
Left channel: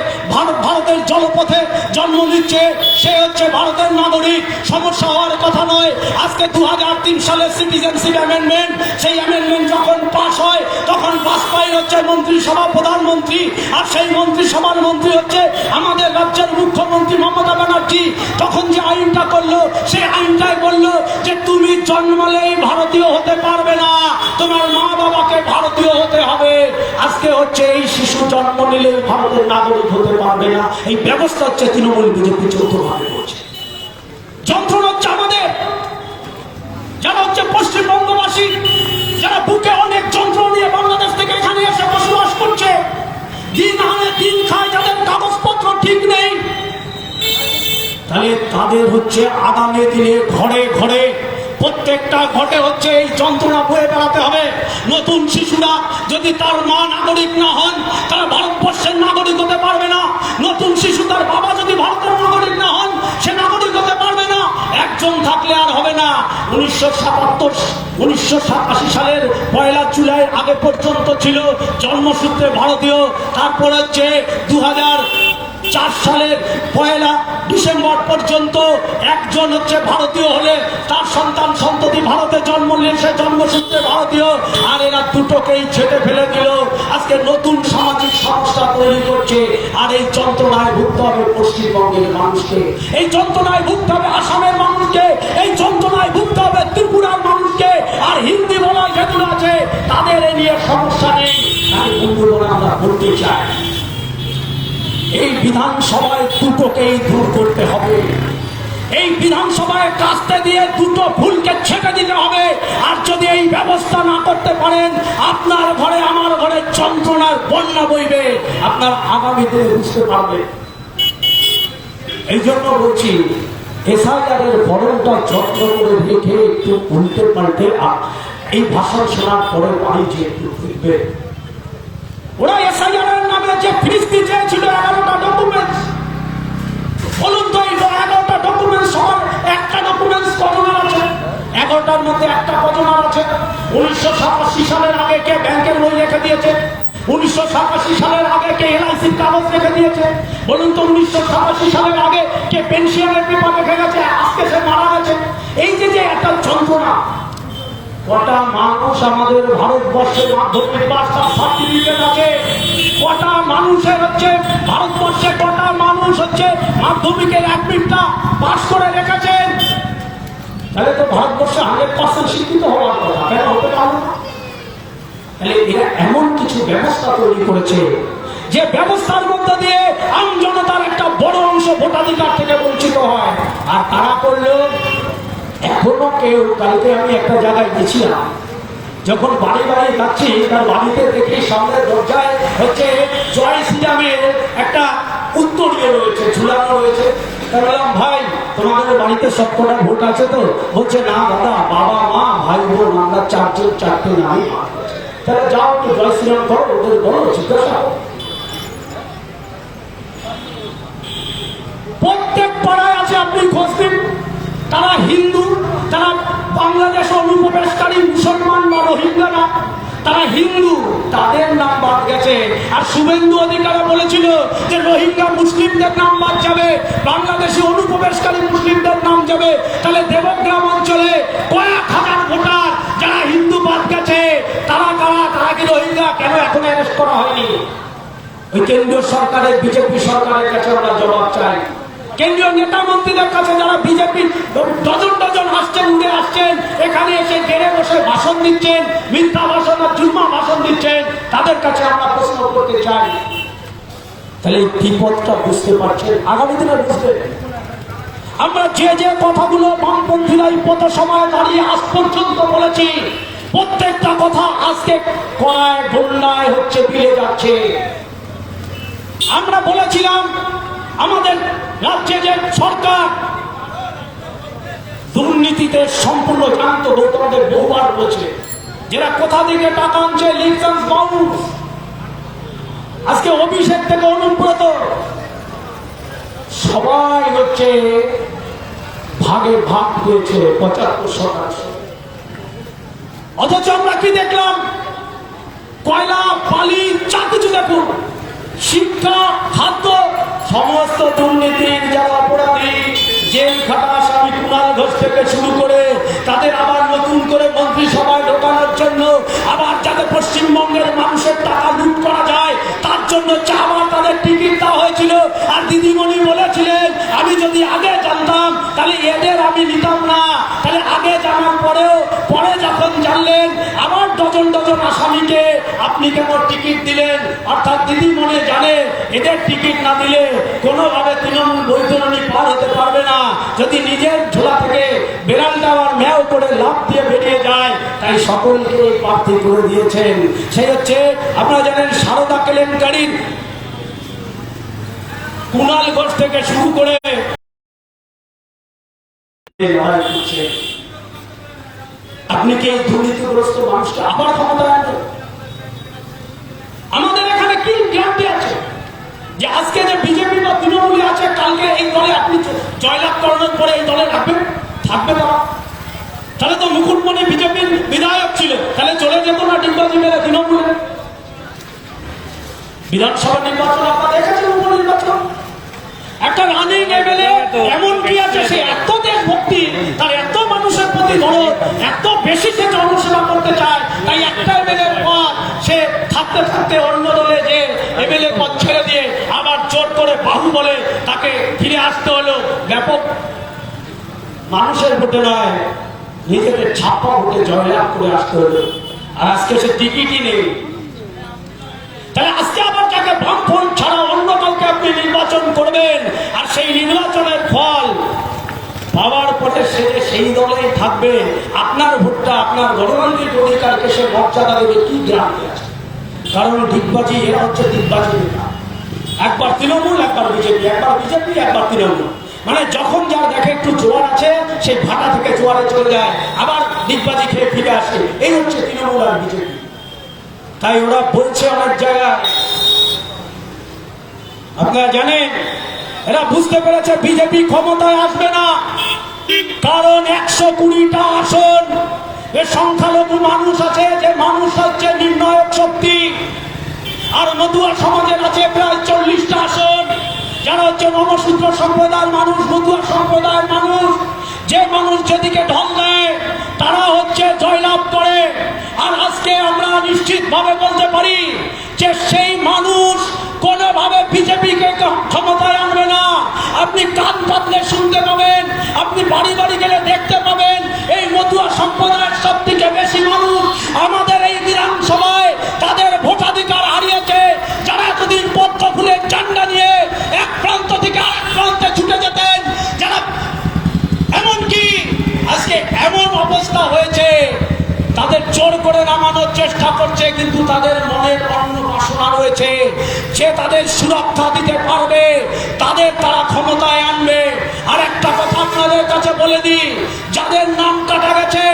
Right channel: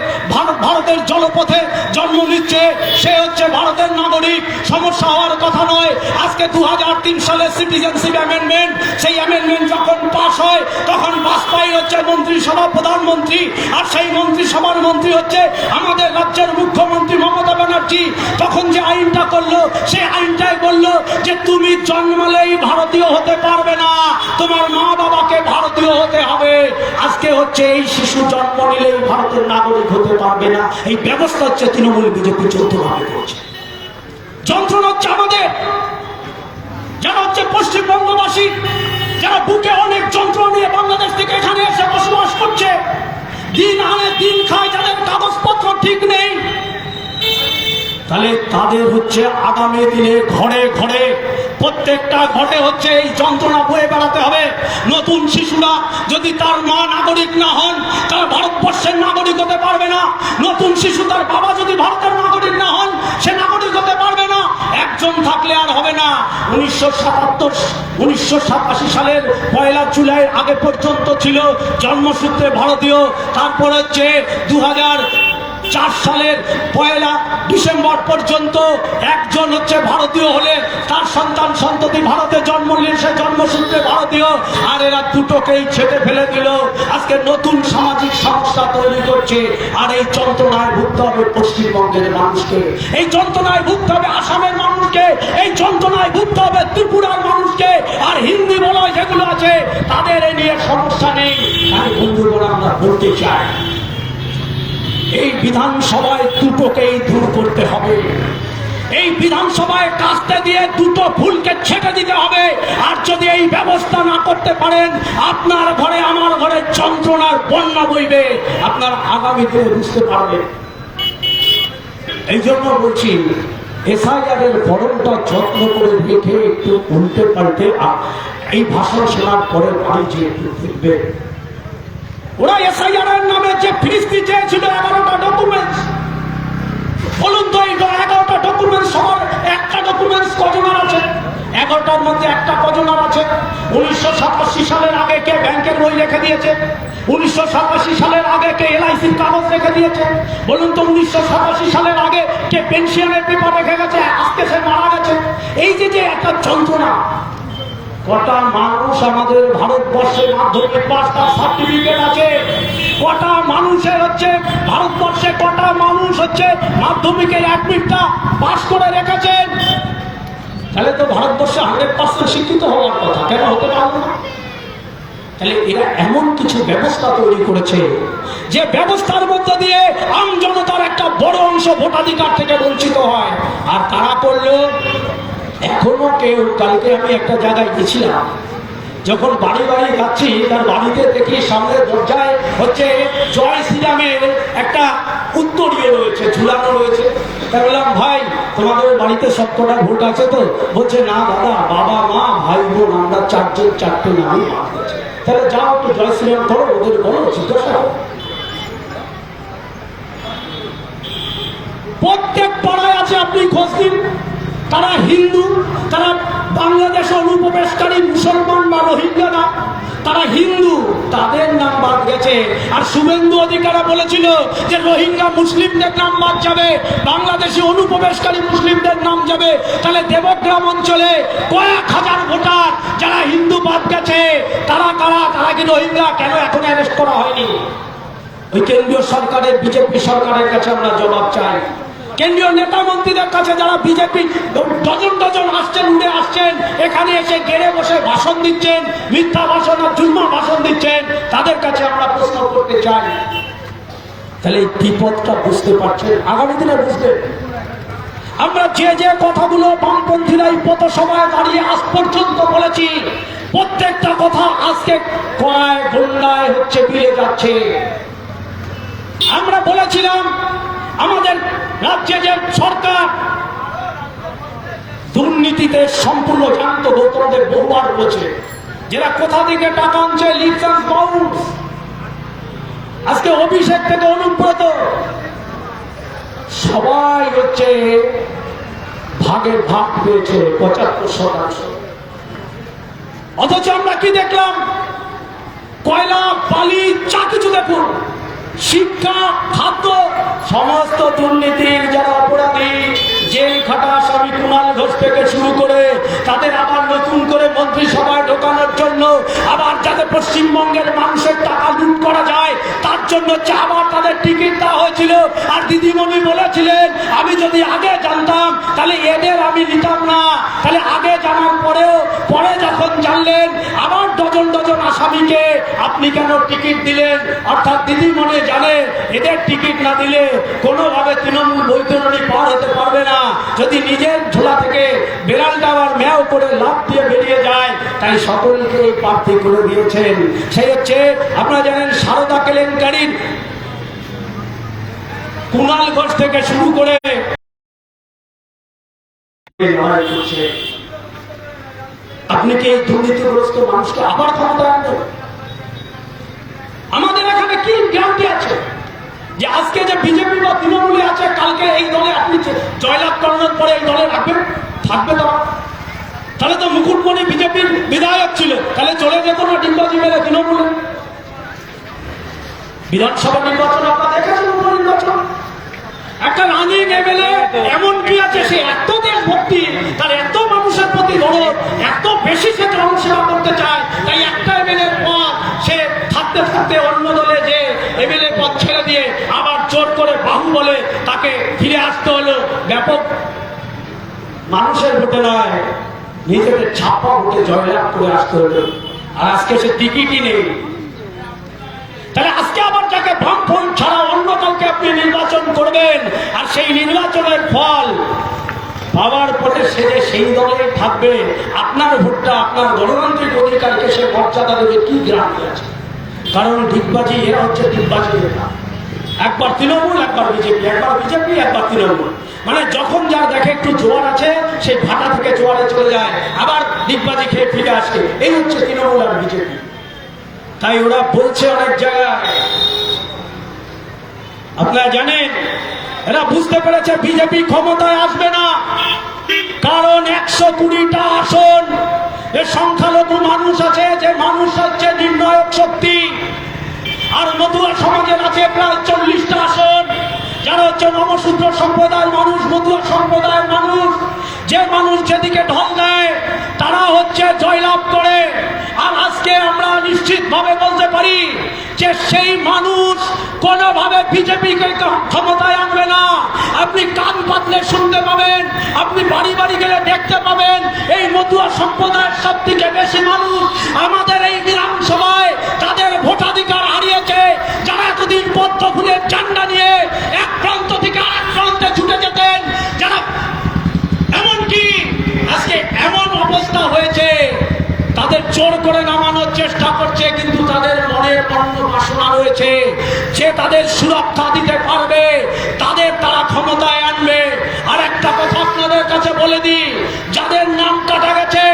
ভারতের জলপথে জন্ম নিচ্ছে, সে হচ্ছে ভারতের নাগরিক। সমস্যা হওয়ার কথা নয়। আজকে 2003 সালে সিটিজেনশিপ অ্যামেন্ডমেন্ট, সেই অ্যামেন্ডমেন্ট যখন পাস হয় তখন বাজপেয়ী হচ্ছে মন্ত্রিসভা প্রধানমন্ত্রী, আর সেই মন্ত্রিসভার মন্ত্রী হচ্ছে আমাদের রাজ্যের মুখ্যমন্ত্রী মমতা ব্যানার্জি। তখন যে আইনটা করলো, সেই আইনটাই বললো যে তুমি জন্মালেই ভারতীয় হতে পারবে না, তোমার মা বাবাকে ভারতীয় হতে হবে। আজকে হচ্ছে এই শিশু জন্ম নিলেই ভারতের নাগরিক হতে পারবে না, এই ব্যবস্থা হচ্ছে তৃণমূল বিজেপি চৌদ্দভাবে করছে। যন্ত্রণা হচ্ছে আমাদের, যারা হচ্ছে পশ্চিমবঙ্গবাসী, যারা বুকে অনেক যন্ত্রণা নিয়ে বাংলাদেশ থেকে এখানে এসে বসবাস করছে, দিন আনে দিন খায়, যাদের কাগজপত্র ঠিক নেই, তাহলে তাদের হচ্ছে আগামী দিনে ঘরে ঘরে, প্রত্যেকটা ঘরে হচ্ছে এই যন্ত্রণা বয়ে বেড়াতে হবে। নতুন শিশুরা যদি তার মা নাগরিক না হন, তার ভারতবর্ষের নাগরিক হতে পারবে না। নতুন শিশু তার বাবা যদি ভারতের নাগরিক না হন, সে নাগরিক হতে পারবে না। একজন থাকলে আর হবে না। 1987 সালের 1 জুলাই আগে পর্যন্ত ছিল জন্মসূত্রে ভারতীয়, তারপর হচ্ছে 2004 সালের 1 ডিসেম্বর পর্যন্ত একজন হচ্ছে ভারতীয় হলে তার সন্তান সন্ততি ভারতে জন্ম নিলে সে জন্মসূত্রে ভারতীয়, আর এরা দুটোকেই ছেটে ফেলে দিল। আজকে নতুন সামাজিক সমস্যা তৈরি করছে, আর এই যন্ত্রণায় ভুগতে হবে পশ্চিমবঙ্গের মানুষকে, এই যন্ত্রণায় ভুগতে হবে আসামের মানুষকে, এই যন্ত্রণায় ভুগতে হবে ত্রিপুরার মানুষকে। আর হিন্দি বলয় যেগুলো আছে তাদের এ নিয়ে সমস্যা নেই। আর বন্ধুগণ, আমরা বলতে চাই এই বিধানসভায় দুটোকেই দূর করতে হবে। এই বিধানসভায় কাস্তে দিয়ে দুটো ফুলকে ছেটে দিতে হবে। আর যদি এই ব্যবস্থা না করতে পারেন, আপনার ঘরে আমার ঘরে যন্ত্রণার বন্যা বইবে, আপনার আগামী দিনে বুঝতে পারবেন। এই জন্য বলছি, এসআইআরের ফরমটা যত্ন করে রেখে একটু উল্টে পাল্টে এই ভাষণ শোনার পরে বাড়িতে একটু দেখবে। ওরা এসআইআরের নামে যে ফিরিস্তি চেয়েছিল 11টা ডকুমেন্টস, বলুন তো এই 11টা ডকুমেন্টস সবার একটা ডকুমেন্টস কজনের আছে? 11টার মধ্যে একটা কজনের আছে? 1987 সালের আগে কে ব্যাংকের বই রেখে দিয়েছে? 1987 সালের আগে কে এলআইসির কাগজ রেখে দিয়েছে? বলুন তো 1987 সালের আগে কে পেনশনের পেপার রেখে গেছে? আজকে সে মারা গেছে। এই যে একটা যন্ত্রণা, কটা মানুষ আমাদের ভারতবর্ষের মাধ্যমিক পাস তার সার্টিফিকেট আছে? কটা মানুষের হচ্ছে ভারতবর্ষে, কটা মানুষ হচ্ছে মাধ্যমিকের অ্যাডমিটটা পাস করে রেখেছেন? তাহলে তো ভারতবর্ষে 100% শিক্ষিত হওয়ার কথা, কেন হতে পারবে না? তাহলে এরা এমন কিছু ব্যবস্থা তৈরি করেছে যে ব্যবস্থার মধ্যে দিয়ে আম জনতার একটা বড় অংশ ভোটাধিকার থেকে বঞ্চিত হয়। আর কারা করলো? এখনো কেউ, কালকে আমি একটা জায়গায় গেছিলাম, যখন বাড়ি বাড়ি যাচ্ছি, তার বাড়িতে দেখি সামনের দরজায় হচ্ছে জয় শ্রীরামের একটা উত্তরীয় রয়েছে, ঝুলানো রয়েছে। তাই বললাম, ভাই তোমাদের বাড়িতে সবকটা ভোট আছে তো? বলছে, না দাদা, বাবা মা ভাই বোন আমরা 4 জন 4টে নামই বাদ আছে। তাহলে যাও একটু জয় শ্রীরাম করো, ওদের বলো জিজ্ঞাসা। প্রত্যেক পাড়ায় আছে, আপনি খোঁজ দিন। তারা হিন্দু, তারা বাংলাদেশে অনুপ্রবেশকারী মুসলমান বা রোহিঙ্গারা, তারা হিন্দু, তাদের নাম বাদ গেছে। আর শুভেন্দু অধিকারী বলেছিল যে রোহিঙ্গা মুসলিমদের নাম বাদ যাবে, বাংলাদেশি অনুপ্রবেশকারী মুসলিমদের নাম যাবে। তাহলে দেবগ্রাম অঞ্চলে কয়েক হাজার ভোটার যারা হিন্দু বাদ গেছে, তারা কি রোহিঙ্গা? কেন এখন অ্যারেস্ট করা হয়নি? ওই কেন্দ্রীয় সরকারের, বিজেপি সরকারের কাছে আমরা জবাব চাই। কেন্দ্রীয় নেতা মন্ত্রীদের কাছে, যারা বিজেপি ডজন ডজন আসছেন, উড়ে আসছেন, এখানে এসে গেড়ে বসে ভাষণ দিচ্ছেন, মিথ্যা ভাষণ আর জুলমা ভাষণ দিচ্ছেন, তাদের কাছে আমরা প্রশ্ন করতে চাই। তাহলে এই বিপদটা বুঝতে পারছেন, আগামী দিনে বুঝতে। আমরা যে কথাগুলো বামপন্থীরা এই পথসভায় দাঁড়িয়ে আজ পর্যন্ত বলেছি, প্রত্যেকটা কথা আজকে কড়ায় গন্ডায় হচ্ছে মিলে যাচ্ছে। আমরা বলেছিলাম আমাদের রাজ্যে যে সরকার দুর্নীতিতে সম্পূর্ণ জানত, তোমাদের বহুবার বলেছে, যারা কোথা থেকে টাকা আনছে, লিপসান্স বাউন্স। আজকে অভিষেক থেকে অনুব্রত সবাই হচ্ছে ভাগে ভাগ পেয়েছে 75%। অথচ আমরা কি দেখলাম? কয়লা, বালি, যা কিছু দেখুন, শিক্ষা, খাদ্য, সমস্ত দুর্নীতির যারা অপরাধী, জেল খাটা আসামি কুণাল ঘোষ থেকে শুরু করে তাদের আবার নতুন করে মন্ত্রিসভায় ঢোকানোর জন্য, আবার যাতে পশ্চিমবঙ্গের মানুষের টাকা লুট করা যায় তার জন্য আবার তাদের টিকিট দেওয়া হয়েছিল। আর দিদিমণি বলেছিলেন আমি যদি আগে জানতাম তাহলে এদের আমি নিতাম না। তাহলে আগে জানার পরেও পরে যখন জানলেন আবার ডজন ডজন আসামিকে আপনি কেন টিকিট দিলেন? অর্থাৎ দিদিমণি জানে এদের টিকিট না দিলে কোনোভাবে তৃণমূল বৈতরণী পার হতে পারবে না। যদি নিজের ঝোলা থেকে বেড়াল দেওয়ার ম্যাও করে লাফ দিয়ে বেরিয়ে যায়, তাই সকলকে প্রার্থী করে দিয়েছেন। সেই হচ্ছে আপনারা জানেন সারদা কেলেঙ্কারির কুণাল ঘোষ থেকে শুরু করে লড়াই করছে। আপনি কি এই দুর্নীতিগ্রস্ত মানুষকে আবার ক্ষমতা আনবেন? আমাদের এখানে কি গ্যারান্টি আছে যে আজকে যে বিজেপি বা তৃণমূলে আছে কালকে এই দলে আপনি জয়লাভ করানোর পরে এই দলে রাখবেন, থাকবে তারা? তাহলে তো মুকুটমণি বিজেপির বিধায়ক ছিল, তাহলে চলে যেত না ডিম্বাজি মেলে তৃণমূলে? বিধানসভা নির্বাচন আপনারা দেখেছেন, উপনির্বাচন একটা রানিং এমএলএ এমন কি আছে সে এত দেশভক্তি, তার এত মানুষের প্রতি দরদ, এত বেশি সে জনসেবা করতে চায়, তাই একটা এমএলএ পদ সে থাকতে থাকতে অন্য দলে যে এমএলএ পদ ছেড়ে দিয়ে আবার জোর করে বাহু বলে তাকে ফিরে আসতে হলো। ব্যাপক মানুষের ভোটে নয়, নিজেদের ছাপা ভোটে জয়লাভ করে আসতে হলো। আর আজকে সে টিকিটই নেই। তাহলে আজকে আবার যাকে বামফ্রন্ট ছাড়া অন্য কাউকে আপনি নির্বাচন করবেন, আর সেই নির্বাচনের ফল পাওয়ার পরে সে সেই দলেই থাকবে, আপনার ভোটটা আপনার গণতান্ত্রিক অধিকারকে সে মর্যাদা দেবে কি গ্রামে আছে? কারণ ডিগবাজি, এরা হচ্ছে ডিগবাজি নেতা। একবার তৃণমূল, একবার বিজেপি, একবার বিজেপি, একবার তৃণমূল। মানে যখন যা দেখে একটু জোয়ার আছে সেই ভাটা থেকে জোয়ারে চলে যায়, আবার ডিগবাজি খেয়ে ফিরে আসে। এই হচ্ছে তৃণমূল আর বিজেপি। তাই ওরা বলছে অনেক জায়গায়, আপনারা জানেন এরা বুঝতে পেরেছে বিজেপি ক্ষমতায় আসবে না, কারণ 120টা আসন এর সংখ্যালঘু মানুষ আছে, যে মানুষ হচ্ছে নির্ণায়ক শক্তি। আর মতুয়া সমাজের আছে প্রায় 40টা আসন, যারা হচ্ছে নমশূদ্র সম্প্রদায়ের মানুষ, মতুয়া সম্প্রদায়ের মানুষ। যে মানুষ যেদিকে ঢল দেয় তারা হচ্ছে জয়লাভ করে। আর আজকে আমরা নিশ্চিত ভাবে বলতে পারি যে সেই মানুষ কোনোভাবে বিজেপিকে ক্ষমতায় আনবে না। আপনি কান পাতলে শুনতে পাবেন, আপনি বাড়ি বাড়ি গেলে দেখতে পাবেন, এই মতুয়া সম্প্রদায়ের সব থেকে বেশি মানুষ আমাদের এই বিধানসভায় তাদের ভোটাধিকার হারিয়েছে। যারা এতদিন পদ্ম ফুলের ঝান্ডা নিয়ে এক প্রান্ত থেকে আরেক প্রান্তে ছুটে যেতেন, যারা এমনকি আজকে এমন অবস্থা হয়েছে তাদের জোর করে নামানোর চেষ্টা করছে, কিন্তু তাদের মনে অন্য বাসনা রয়েছে, যে তাদের সুরক্ষা দিতে পারবে, তাদের তারা ক্ষমতায় আনবে। আর একটা কথা আপনাদের কাছে বলে দিই, যাদের নাম কাটা গেছে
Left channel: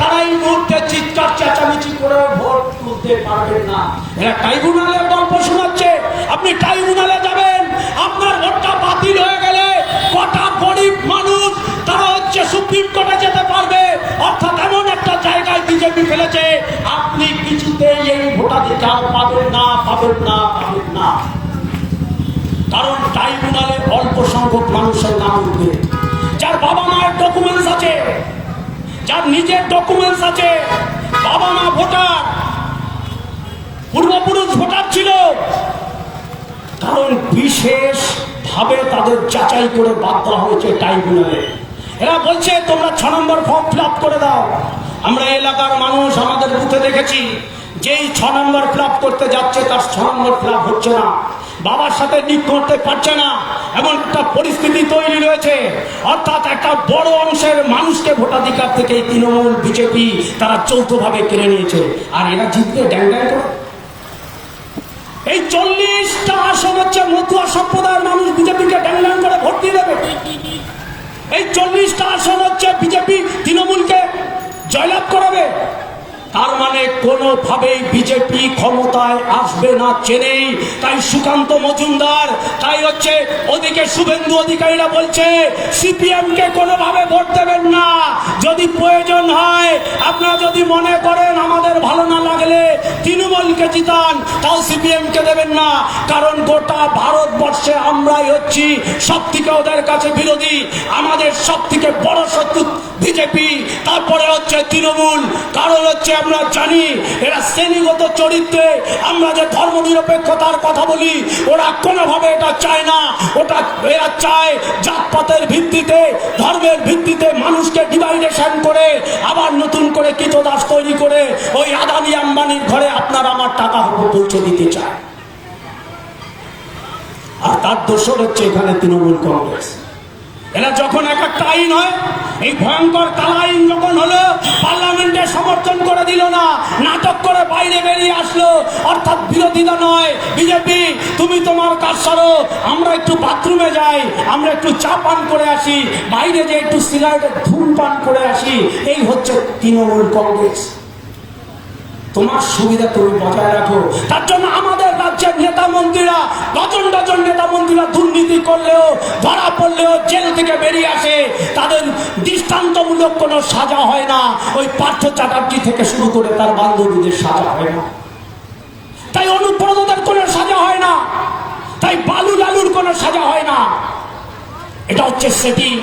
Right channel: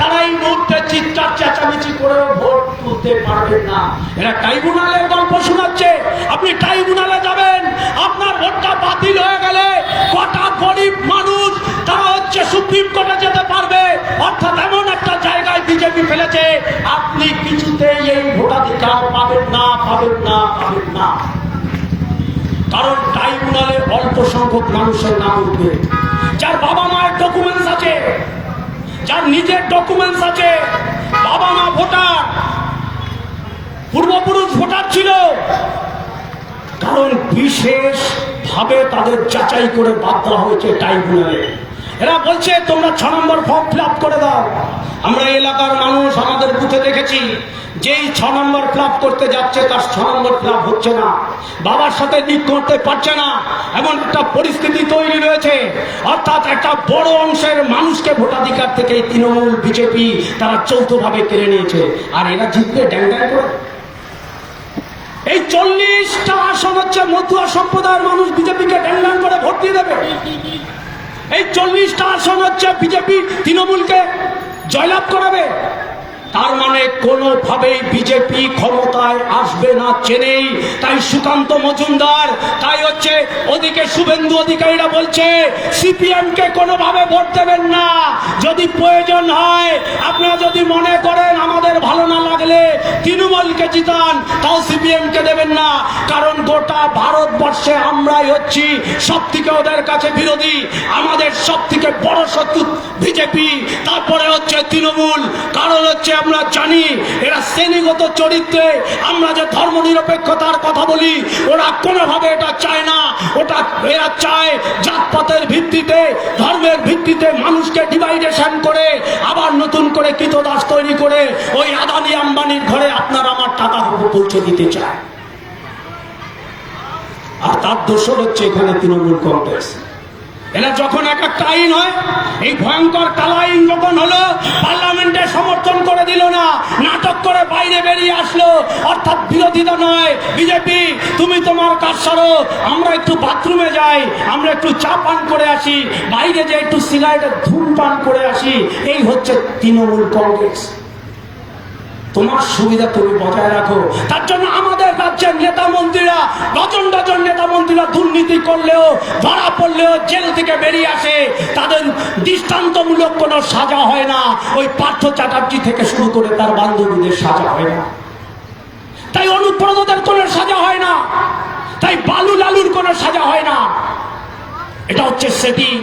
তারা এই মুহূর্তে চিৎকার চেঁচামেচি করেও ভোট তুলতে পারবেন না। এরা ট্রাইব্যুনালের গল্প শোনাচ্ছে। আপনি ট্রাইব্যুনালে যাবেন, আপনার ভোটটা বাতিল হয়ে গেলে কটা গরিব মানুষ তারা হচ্ছে সুপ্রিম কোর্টে যেতে পারবে। অর্থাৎ এমন একটা জায়গায় বিজেপি ফেলেছে, আপনি কিছুতেই এই ভোটাধিকার পাবেন না, পাবেন না, পাবেন না। কারণ ট্রাইব্যুনালে অল্প সংখ্যক মানুষের নাম উঠবে, যার বাবা মায়ের ডকুমেন্টস আছে, যার নিজের ডকুমেন্টস আছে, বাবা মা ভোটার, পূর্বপুরুষ ভোটার ছিল। কারণ বিশেষ ভাবে তাদের যাচাই করে বাদ দেওয়া হয়েছে ট্রাইব্যুনালে। এরা বলছে তোমরা 6 নম্বর ফর্ম ফিল আপ করে দাও। আমরা এলাকার মানুষ আমাদের বুথে দেখেছি, যেই 6 নম্বর ফিল আপ করতে যাচ্ছে তার 6 নম্বর ফিল আপ হচ্ছে না, বাবার সাথে লিঙ্ক করতে পারছে না, এমন একটা পরিস্থিতি তৈরি রয়েছে। অর্থাৎ একটা বড় অংশের মানুষকে ভোটাধিকার থেকে তৃণমূল বিজেপি তারা যৌথভাবে কেড়ে নিয়েছে। আর এরা জিতবে ড্যাং ড্যাং করে। এই 40টা আসন হচ্ছে মতুয়া সম্প্রদায়ের মানুষ বিজেপিকে ড্যাং ড্যাং করে ভোট দিয়ে দেবে। এই 40টা আসন হচ্ছে বিজেপি তৃণমূলকে জয়লাভ করাবে। তার মানে কোনোভাবেই বিজেপি ক্ষমতায় আসবে না চেনেই। তাই সুকান্ত মজুমদার, তাই হচ্ছে ওদিকে শুভেন্দু অধিকারীরা বলছে সিপিএম কে কোনোভাবে ভোট দেবেন না। যদি প্রয়োজন হয়, আপনারা যদি মনে করেন আমাদের ভালো না লাগলে তৃণমূলকে জিতান, তাও সিপিএম কে দেবেন না। কারণ গোটা ভারতবর্ষে আমরাই হচ্ছি সব থেকে ওদের কাছে বিরোধী। আমাদের সব থেকে বড় শত্রু বিজেপি, তারপরে হচ্ছে তৃণমূল। কারণ হচ্ছে আমরা জানি এরা শ্রেণীগত চরিত্রে, আমরা যে ধর্ম নিরপেক্ষতার কথা বলি, ওরা কোনোভাবে এটা চায় না। ওটা এরা চায় জাতপাতের ভিত্তিতে, ধর্মের ভিত্তিতে মানুষকে ডিভাইডেশন করে আবার নতুন করে কৃতদাস তৈরি করে ওই আদানি আম্বানির ঘরে আপনার আমার টাকা পৌঁছে দিতে চায়। আর তার দোষর হচ্ছে এখানে তৃণমূল কংগ্রেস। এরা যখন একটা আইন হয়, এই ভয়ঙ্কর কালা আইন যখন হলো, পার্লামেন্টে সমর্থন করে দিল না, নাটক করে বাইরে বেরিয়ে আসলো। অর্থাৎ বিরোধিতা নয়, বিজেপি তুমি তোমার কাজ সারো, আমরা একটু বাথরুমে যাই, আমরা একটু চা পান করে আসি, বাইরে যে একটু সিগারেটের ধূমপান করে আসি। এই হচ্ছে তৃণমূল কংগ্রেস। তোমার সুবিধা তুমি বজায় রাখো। তার জন্য আমাদের রাজ্যের নেতা মন্ত্রীরা, ডজন ডজন নেতা মন্ত্রীরা দুর্নীতি করলেও, ধরা পড়লেও জেল থেকে বেরিয়ে আসে, তাদের দৃষ্টান্তমূলক কোনো সাজা হয় না। ওই পার্থ চ্যাটার্জি থেকে শুরু করে তার বান্ধবীদের সাজা হয় না, তাই অনুব্রতদের কোনো সাজা হয় না, তাই বালু লালুর কোনো সাজা হয় না। এটা হচ্ছে সেটিং।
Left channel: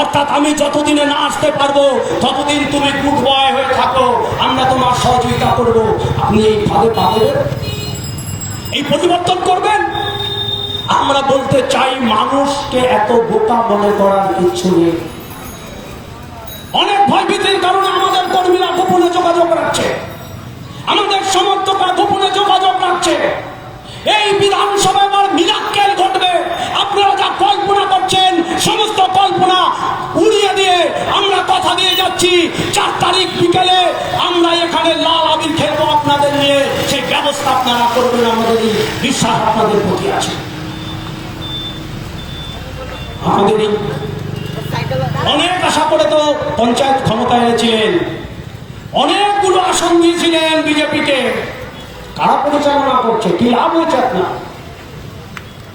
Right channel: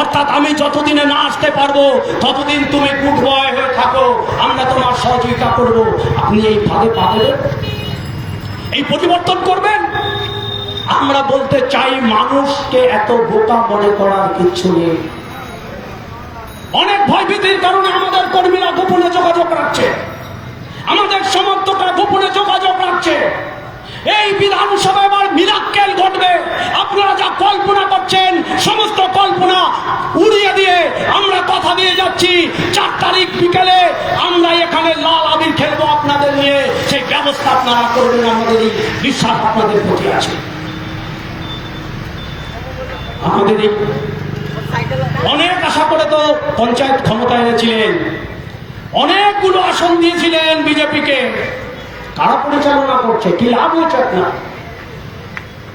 অর্থাৎ আমি যতদিনে না আসতে পারবো ততদিন তুমি গুড বয় হয়ে থাকো, আমরা তোমার সহযোগিতা করবো। আপনি এইভাবে পাবেন, এই পরিবর্তন করবেন। আমরা বলতে চাই মানুষকে এত বোকা মনে করার কিছু নেই। অনেক ভয়ভীতির কারণে আমাদের কর্মীরা গোপনে যোগাযোগ রাখছে, আমাদের সমর্থকরা গোপনে যোগাযোগ রাখছে। এই বিধানসভায় আবার মিরাক্কেল ঘটবে। আপনারা যা কল্পনা করছেন সমস্ত কল্পনা উড়িয়ে দিয়ে আমরা কথা দিয়ে যাচ্ছি, 4 তারিখ বিকেলে আমরা এখানে লাল আবির খেলবো আপনাদের নিয়ে। সেই ব্যবস্থা আপনারা করবেন, আমাদের এই বিশ্বাস আপনাদের প্রতি আছে। আমাদের অনেক আশা করে তো পঞ্চায়েত ক্ষমতায় এনেছিলেন, অনেকগুলো আসন দিয়েছিলেন বিজেপিকে। কারা পরিচালনা করছে, কি লাভ হয়েছে আপনার?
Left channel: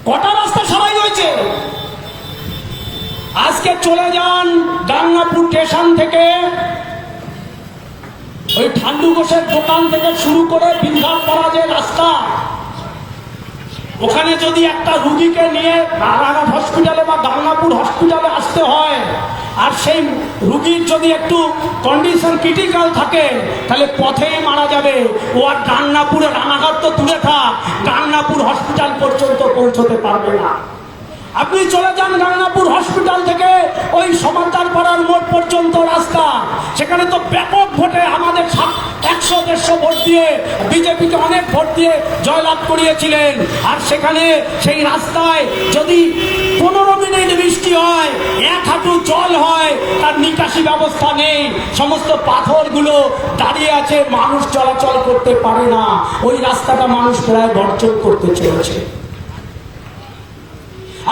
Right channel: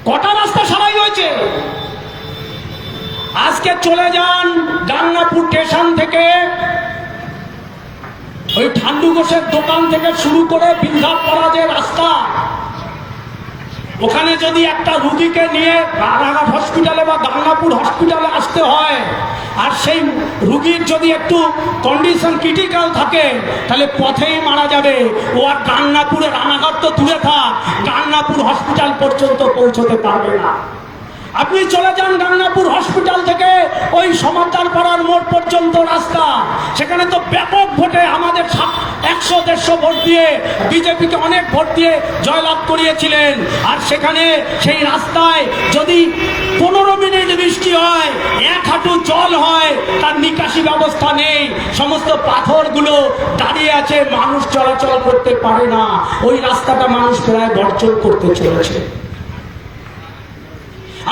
কটা রাস্তা সারাই হয়েছে? আজকে চলে যান গাংনাপুর স্টেশন থেকে, ওই ঠান্ডু ঘোষের দোকান থেকে শুরু করে বিন্ধ্যাপাড়া যে রাস্তা, ওখানে যদি একটা রুগীকে নিয়ে রানাঘাট হসপিটালে বা গাংনাপুর হসপিটালে আসতে হয়, আর সেই রুগীর যদি একটু কন্ডিশন ক্রিটিক্যাল থাকে, তাহলে পথেই মারা যাবে। ও আর গাংনাপুরে, রানাঘাট তো দূরে থাক, গাংনাপুর হসপিটাল পর্যন্ত পৌঁছতে পারবে না। আপনি চলে যান গাংনাপুর হসপিটাল থেকে ওই সমাচার পাড়ার মোড় পর্যন্ত রাস্তা, সেখানে তো ব্যাপক ভোটে আমাদের 100-150 ভোট দিয়ে বিজেপিকে অনেক ভোট দিয়ে জয়লাভ করিয়েছিলেন। আর সেখানে সেই রাস্তায় যদি 15 মিনিট বৃষ্টি হয়, 1 হাঁটু জল হয়, তার নিকাশি ব্যবস্থা নেই, সমস্ত পাথরগুলো দাঁড়িয়ে আছে, মানুষ চলাচল করতে পারে না। ওই রাস্তাটা মানুষ প্রায় বর্জন করতে চলেছে।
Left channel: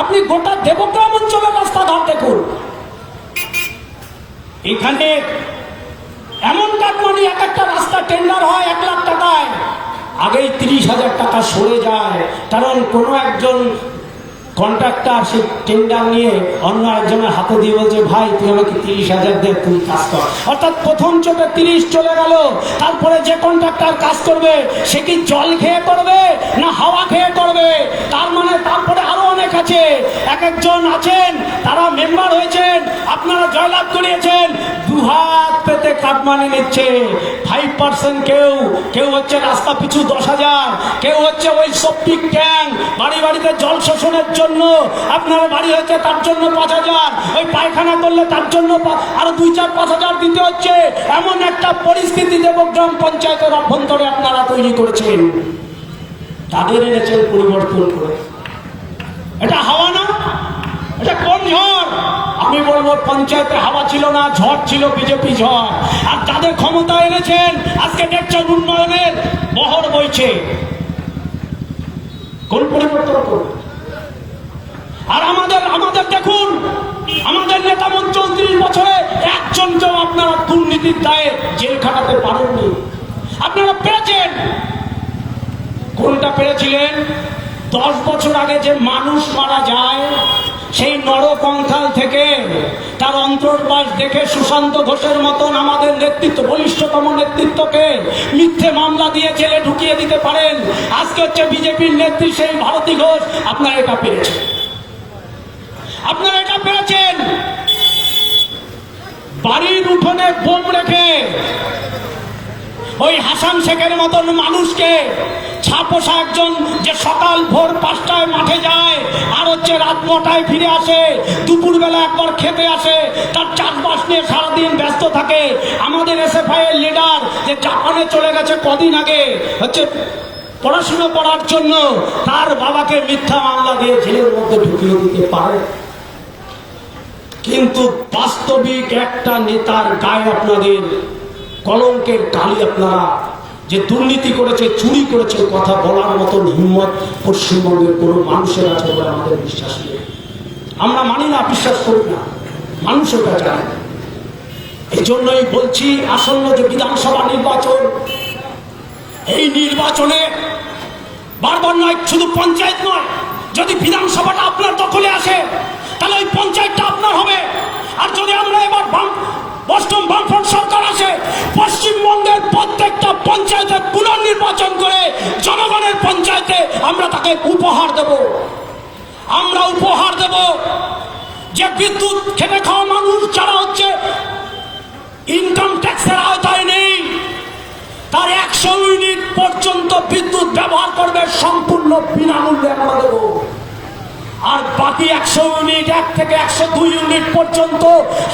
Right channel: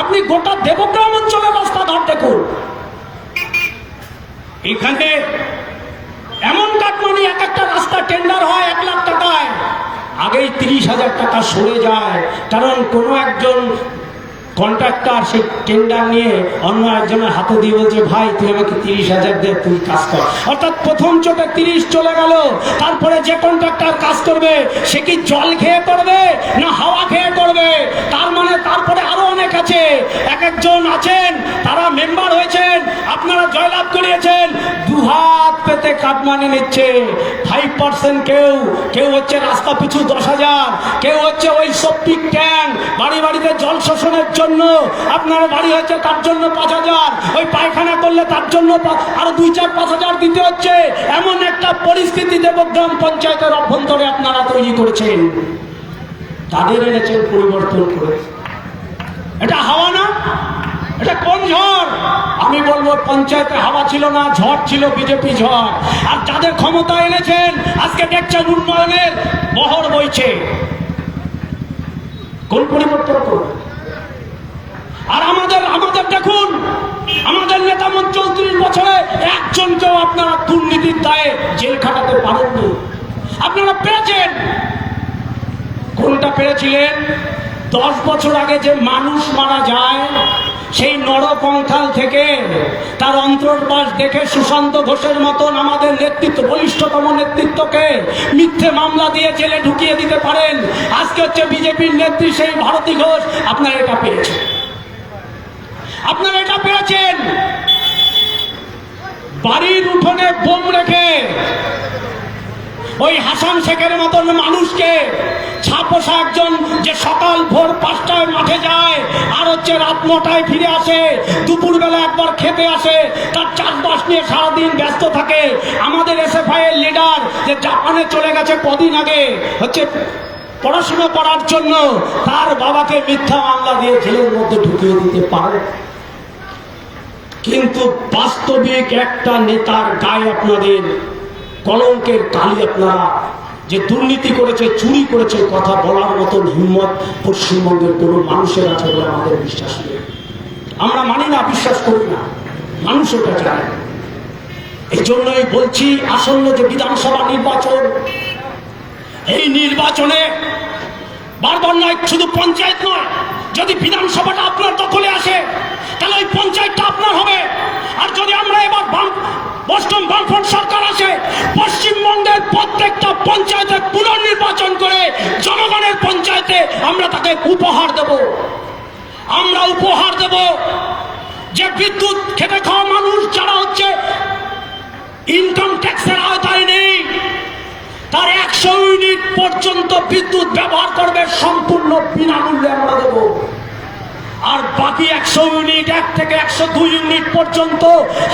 আপনি গোটা দেবগ্রাম অঞ্চলের রাস্তাঘাট দেখুন, এখানে এমন কাটমানি, এক একটা রাস্তা টেন্ডার হয় 1 লাখ টাকায়, আগেই 30,000 টাকা সরে যায়। কারণ কোনো একজন কন্ট্রাক্টর সেই টেন্ডার নিয়ে অন্য একজনের হাতে দিয়ে বলছে, ভাই তুই আমাকে 30,000 দে, তুই কাজ কর। অর্থাৎ প্রথম চোটে 30 চলে গেল। তারপরে যে কন্ট্রাক্টর কাজ করবে সে কি জল খেয়ে করবে না হাওয়া খেয়ে করবে? তার মানে তারপরে আরো অনেক আছে, এক একজন আছেন তারা মেম্বার হয়েছেন, আপনারা জয়লাভ করিয়েছেন, 2 হাত পেতে কাটমানি নিচ্ছে। 5% কেউ হচ্ছে রাস্তা পিছু 10,000, কেউ হচ্ছে ওই সেপ্টিক ট্যাঙ্ক, বাড়ি বাড়িতে জল শোষণের জন্য আপনার বাড়ি হচ্ছে তার জন্য 5,000, ওই পায়খানা করলে তার জন্য আরো 2-4-5,000 দিতে হচ্ছে। এমন একটা পরিস্থিতি দেবগ্রাম পঞ্চায়েতের অভ্যন্তরে আপনারা তৈরি করেছেন। তাদের এনেছেন পরিবর্তন করে। এটা হাওয়া না, এটা কোন ঝড়? আমি বলবো পঞ্চায়েতে হাওয়া ছিল না, ঝড় ছিল বিজেপি ঝড়। আর যাদের ক্ষমতা এনেছেন আজকে দেখছেন উন্নয়নের বহর বইছে। কোন পরিবর্তন করবে? আর আমাদের দেখুন, আমাদের নেতা 34 বছরে একজনকেও আপনারা দুর্নীতির দায়ে জেল খাটাতে পারেননি। আপনারা পেরেছেন। কোনটা পেরেছিলেন? 10 বছর আগে যে মানুষ মারা যায়, সেই নরকঙ্কাল থেকে তার অন্তর্বাস দেখে সুশান্ত ঘোষের মতন আমাদের নেতৃত্ব, বলিষ্ঠতম নেতৃত্বকে মিথ্যে মামলা দিয়ে জেলে ঢুকিয়ে দিতে পারেন। আজকে হচ্ছে বিজেপির নেত্রী সেই ভারতী ঘোষ। আপনারা এটা পেরেছেন। আপনারা এটা পেরেছেন। বাড়ির উঠোনে বোম রেখে ওই হাসান শেখের মতন মানুষকে, ছাপোষা একজন যে সকাল ভোর 5টায় মাঠে যায় আর হচ্ছে রাত 9টায় ফিরে আসে, দুপুরবেলা একবার খেতে আসে, তার চাষবাস নিয়ে সারাদিন ব্যস্ত থাকে। আমাদের এসএফআই এর লিডার যে জাপানে চলে গেছে কদিন আগে হচ্ছে পড়াশোনা করার জন্য, তার বাবাকে মিথ্যা মামলা দিয়ে জেলের মধ্যে ঢুকিয়ে দিতে পারে। কিন্তু বাস্তবিক একটা নেতার গায়ে আপনাদের কলঙ্কের কালি, আপনারা যে দুর্নীতি করেছে, চুরি করেছে, কথা বলার মতন হিম্মত পশ্চিমবঙ্গের কোন মানুষের আছে বলে আমাদের বিশ্বাস নেই। আমরা মানি না, বিশ্বাস করি না, মানুষের কাছে যায়। এই জন্যই বলছি, আসন্ন যে বিধানসভা নির্বাচন, এই নির্বাচনে বারবার নয়, শুধু পঞ্চায়েত নয়, যদি বিধানসভাটা আপনার দখলে আসে তাহলে ওই পঞ্চায়েতটা আপনার হবে। আর যদি আমরা এবার অষ্টম বামফ্রন্ট সরকার আসে, পশ্চিমবঙ্গের প্রত্যেকটা পঞ্চায়েতে পুনর্নির্বাচন করে জনগণের পঞ্চায়েতে আমরা তাকে উপহার দেব। আমরা উপহার দেব যে বিদ্যুৎ খেটে খাওয়া মানুষ যারা হচ্ছে ইনকাম ট্যাক্সের আওতায় নেই, তার 100 ইউনিট পর্যন্ত বিদ্যুৎ ব্যবহার করবে, সম্পূর্ণ বিনামূল্যে আমরা দেব। আর বাকি 100 ইউনিট, 1 থেকে 102 ইউনিট পর্যন্ত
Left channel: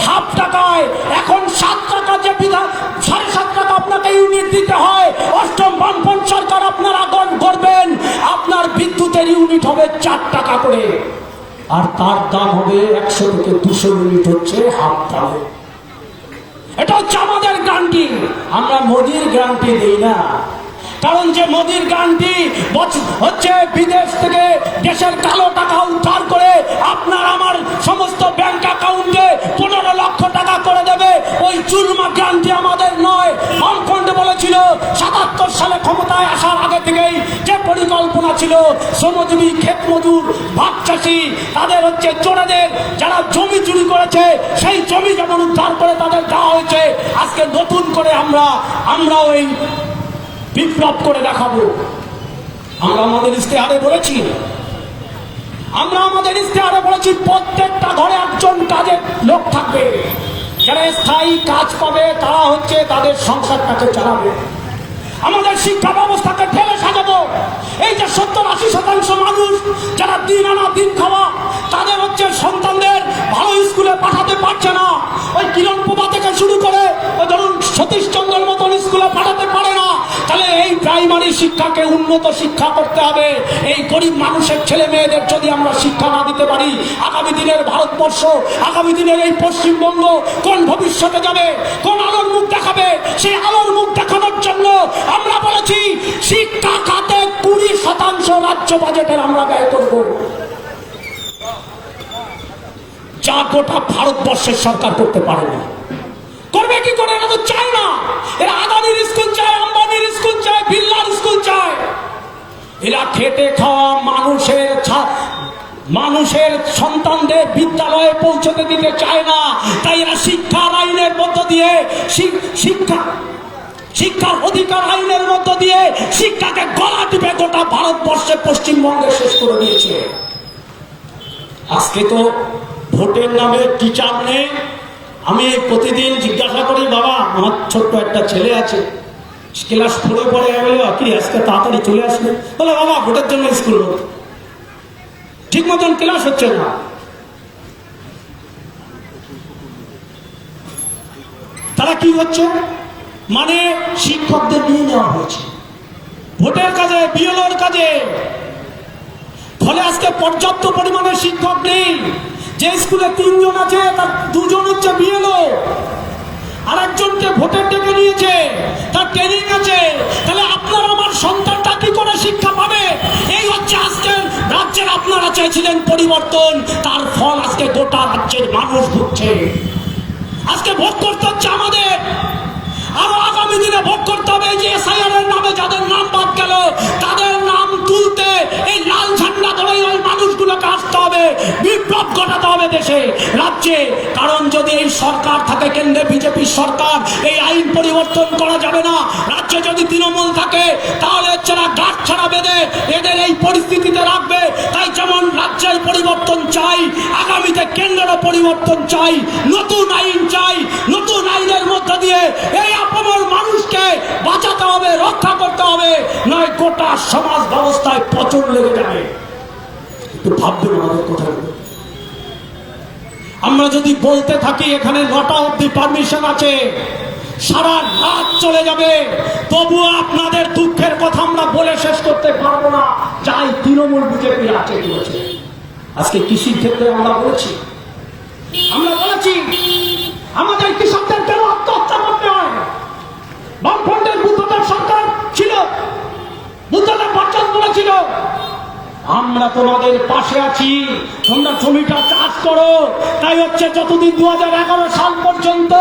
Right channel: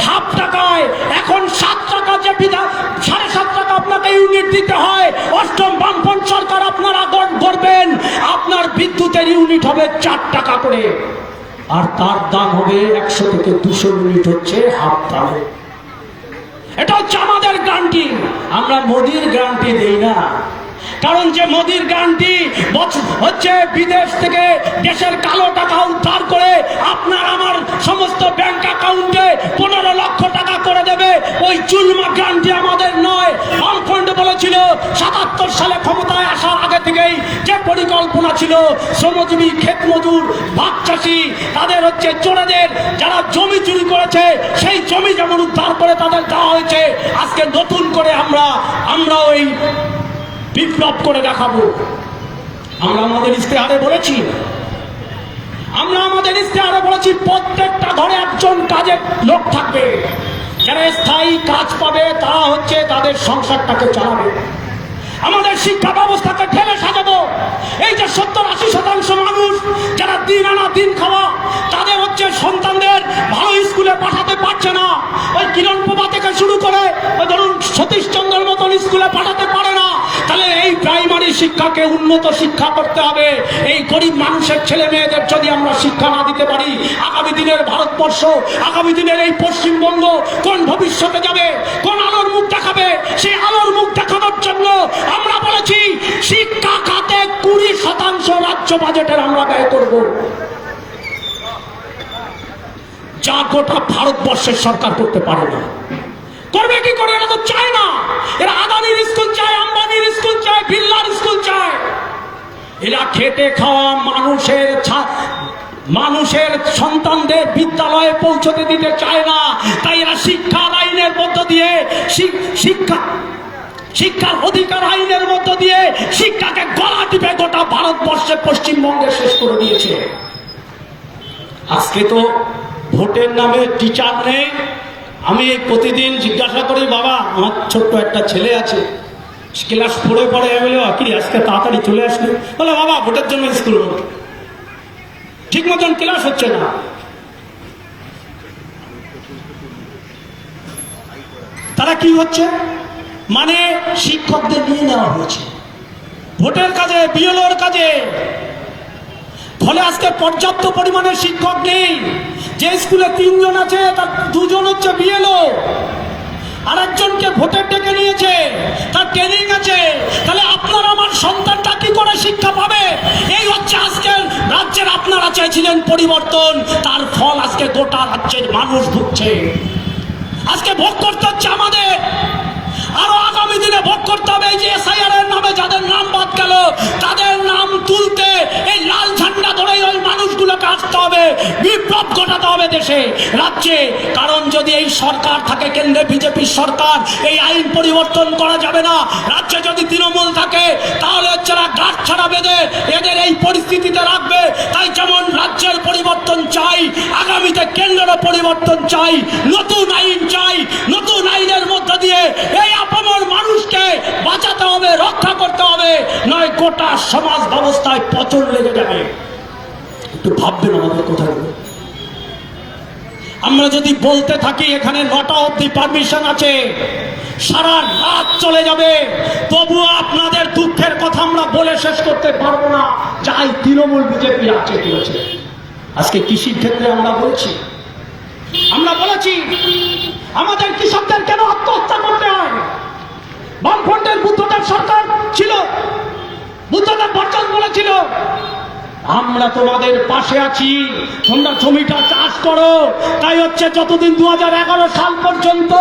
হাফ টাকায়, এখন 7 টাকা যে বিধান 7.5 টাকা আপনাকে ইউনিট দিতে হয়, অষ্টম বামপন্থ সরকার আপনারা করবেন, আপনার বিদ্যুতের ইউনিট হবে 4 টাকা করে, আর তার দাম হবে 100 থেকে 200 ইউনিট হচ্ছে হাফ দামে। এটা হচ্ছে আমাদের গ্যারান্টি। আমরা মোদির গ্যারান্টি দেই না, কারণ যে মোদির গ্যারান্টি হচ্ছে বিদেশ থেকে দেশের কালো টাকা উদ্ধার করে আপনার আমার সমস্ত ব্যাংক অ্যাকাউন্টে 15 লক্ষ টাকা করে দেবে, ওই চুলমা গ্যারান্টি আমাদের নয়। বামফ্রন্ট বলেছিল 77 সালে ক্ষমতায় আসার আগে থেকেই যে পরিকল্পনা ছিল, শ্রমজীবী, ক্ষেত মজুর, ভাগ চাষি, তাদের হচ্ছে চোরাদের যারা জমি চুরি করেছে সেই জমি যেমন উদ্ধার করে তাদের দেওয়া হয়েছে, আজকে নতুন করে আমরা ওই বিপ্লব করে দেখাবো। আমরা আমাদের ইশতেহারে বলেছি, প্রত্যেকটা ঘরে একজন কাজের লোক থাকবে, যারা স্থায়ী কাজ পাবে তারা হচ্ছে তাদের সংসারটাকে চালাবে। আমাদের শিক্ষা ব্যবস্থাকে ঢেলে সাজাবো। এই যে 70-80% মানুষ যারা দিন আনা দিন খাওয়া, তাদের হচ্ছে সন্তানদের ভালো স্কুলে পাঠাতে পারছে না, ওই কিরণ প্রভা থেকে শুরু করে ধরুন সতীশচন্দ্রের মতন স্কুলে পাঠাতে পারে না, তাহলে এই প্রাইমারি শিক্ষাকে উন্নত শিক্ষা করতে হবে। এই গরিব মানুষের ছেলে মেয়েদের যদি আমরা শিক্ষা না দিতে পারি, আগামী দিনের ভারতবর্ষ, আগামী দিনের এই পশ্চিমবঙ্গ কোন ভবিষ্যতে যাবে, কোন আলোর মুখ দেখাবে? সেই আলোর মুখ দেখানোর জন্য আমরা বলেছি শিক্ষা খাতে 20% রাজ্য বাজেটের আমরা ব্যয় করব, যা গোটা ভারতবর্ষের সরকার করতে পারে না। করবে কি করে? এরা তো চায় না। এরা আদানির স্কুল চায়, আম্বানির স্কুল চায়, বিড়লার স্কুল চায়। এরা খেটে খাওয়া মানুষের সন্তানদের বিদ্যালয়ে পৌঁছতে দিতে চায় না। তাই এরা শিক্ষার আইনের মধ্য দিয়ে শিক্ষার অধিকার আইনের মধ্য দিয়ে শিক্ষাকে গলা টিপে গোটা ভারতবর্ষে পশ্চিমবঙ্গে শেষ করে দিয়েছে। আজকে তো ভোটের নামে টিচার নেই। আমি প্রতিদিন জিজ্ঞাসা করি, বাবা আমার ছোট্ট একটা ছেলে আছে, ক্লাস 4-এ পড়ে, বলে কি আজকে তাড়াতাড়ি চলে আসবে? বলে বাবা ভোটের জন্য স্কুল হবে, ঠিক মতন ক্লাস হচ্ছে না। তারা কি হচ্ছে, মানে শিক্ষকদের নিয়ে নেওয়া হয়েছে ভোটের কাজে, বিএলওর কাজে। ফলে আজকে পর্যাপ্ত পরিমাণে শিক্ষক নেই। যে স্কুলে 3 জন আছে তার 2 জন হচ্ছে বিএলও, আর একজনকে ভোটে ডেকে নিয়েছে, তার ট্রেনিং আছে। তাহলে আপনার আমার সন্তানটা কি করে শিক্ষা পাবে? এই হচ্ছে আজকের রাজ্যের আপনারা চেয়েছিলেন পরিবর্তন, তার ফল আজকে গোটা রাজ্যের মানুষ ভুগছে। আজকে আজকে ভোগ করতে হচ্ছে আমাদের। আরো আগামী দিনে ভোগ করতে হবে এই যে এসআইআর এর নামে যাদের নাম বাদ গেল তাদের নাম তুলতে এই লাল ঝান্ডা ধরে ওই মানুষগুলোকে আসতে হবে, বিপ্লব ঘটাতে হবে দেশে রাজ্যে। কারণ যদি এই সরকার থাকে, কেন্দ্রে বিজেপির সরকার, এই আইন পরিবর্তন করা যাবে না। রাজ্যে যদি তৃণমূল থাকে তাহলে যারা গাঁট ছাড়া বেঁধে এদের এই পরিস্থিতিতে রাখবে। তাই যেমন রাজ্যের পরিবর্তন চাই, আগামীতে কেন্দ্রেরও পরিবর্তন চাই, নতুন আইন চাই। নতুন আইনের মধ্য দিয়ে এই আপমর মানুষকে বাঁচাতে হবে, রক্ষা করতে হবে, নয় গোটা সমাজ ব্যবস্থায় পতন লেগে যাবে। একটু ভাববেন আমাদের কোথায়। আমরা যদি বলতে থাকি এখানে 9টা অবধি পারমিশন আছে, সারা রাত চলে যাবে, তবুও আপনাদের দুঃখের কথা আমরা বলে শেষ করতে পারবো না। যাই তৃণমূল বিজেপি আছে করেছে। আজকে কৃষির ক্ষেত্রে আমরা বলেছি আমাদের কৃষকদের কেন আত্মহত্যা করতে হয়? বামফ্রন্টের বুদ্ধদেব সরকার ছিল, বুদ্ধদেব ভট্টাচার্য বলেছিল আমরা তোমাদের পাশে আছি, তোমরা জমিটা চাষ করো। তাই হচ্ছে যতদিন 2011 সাল পর্যন্ত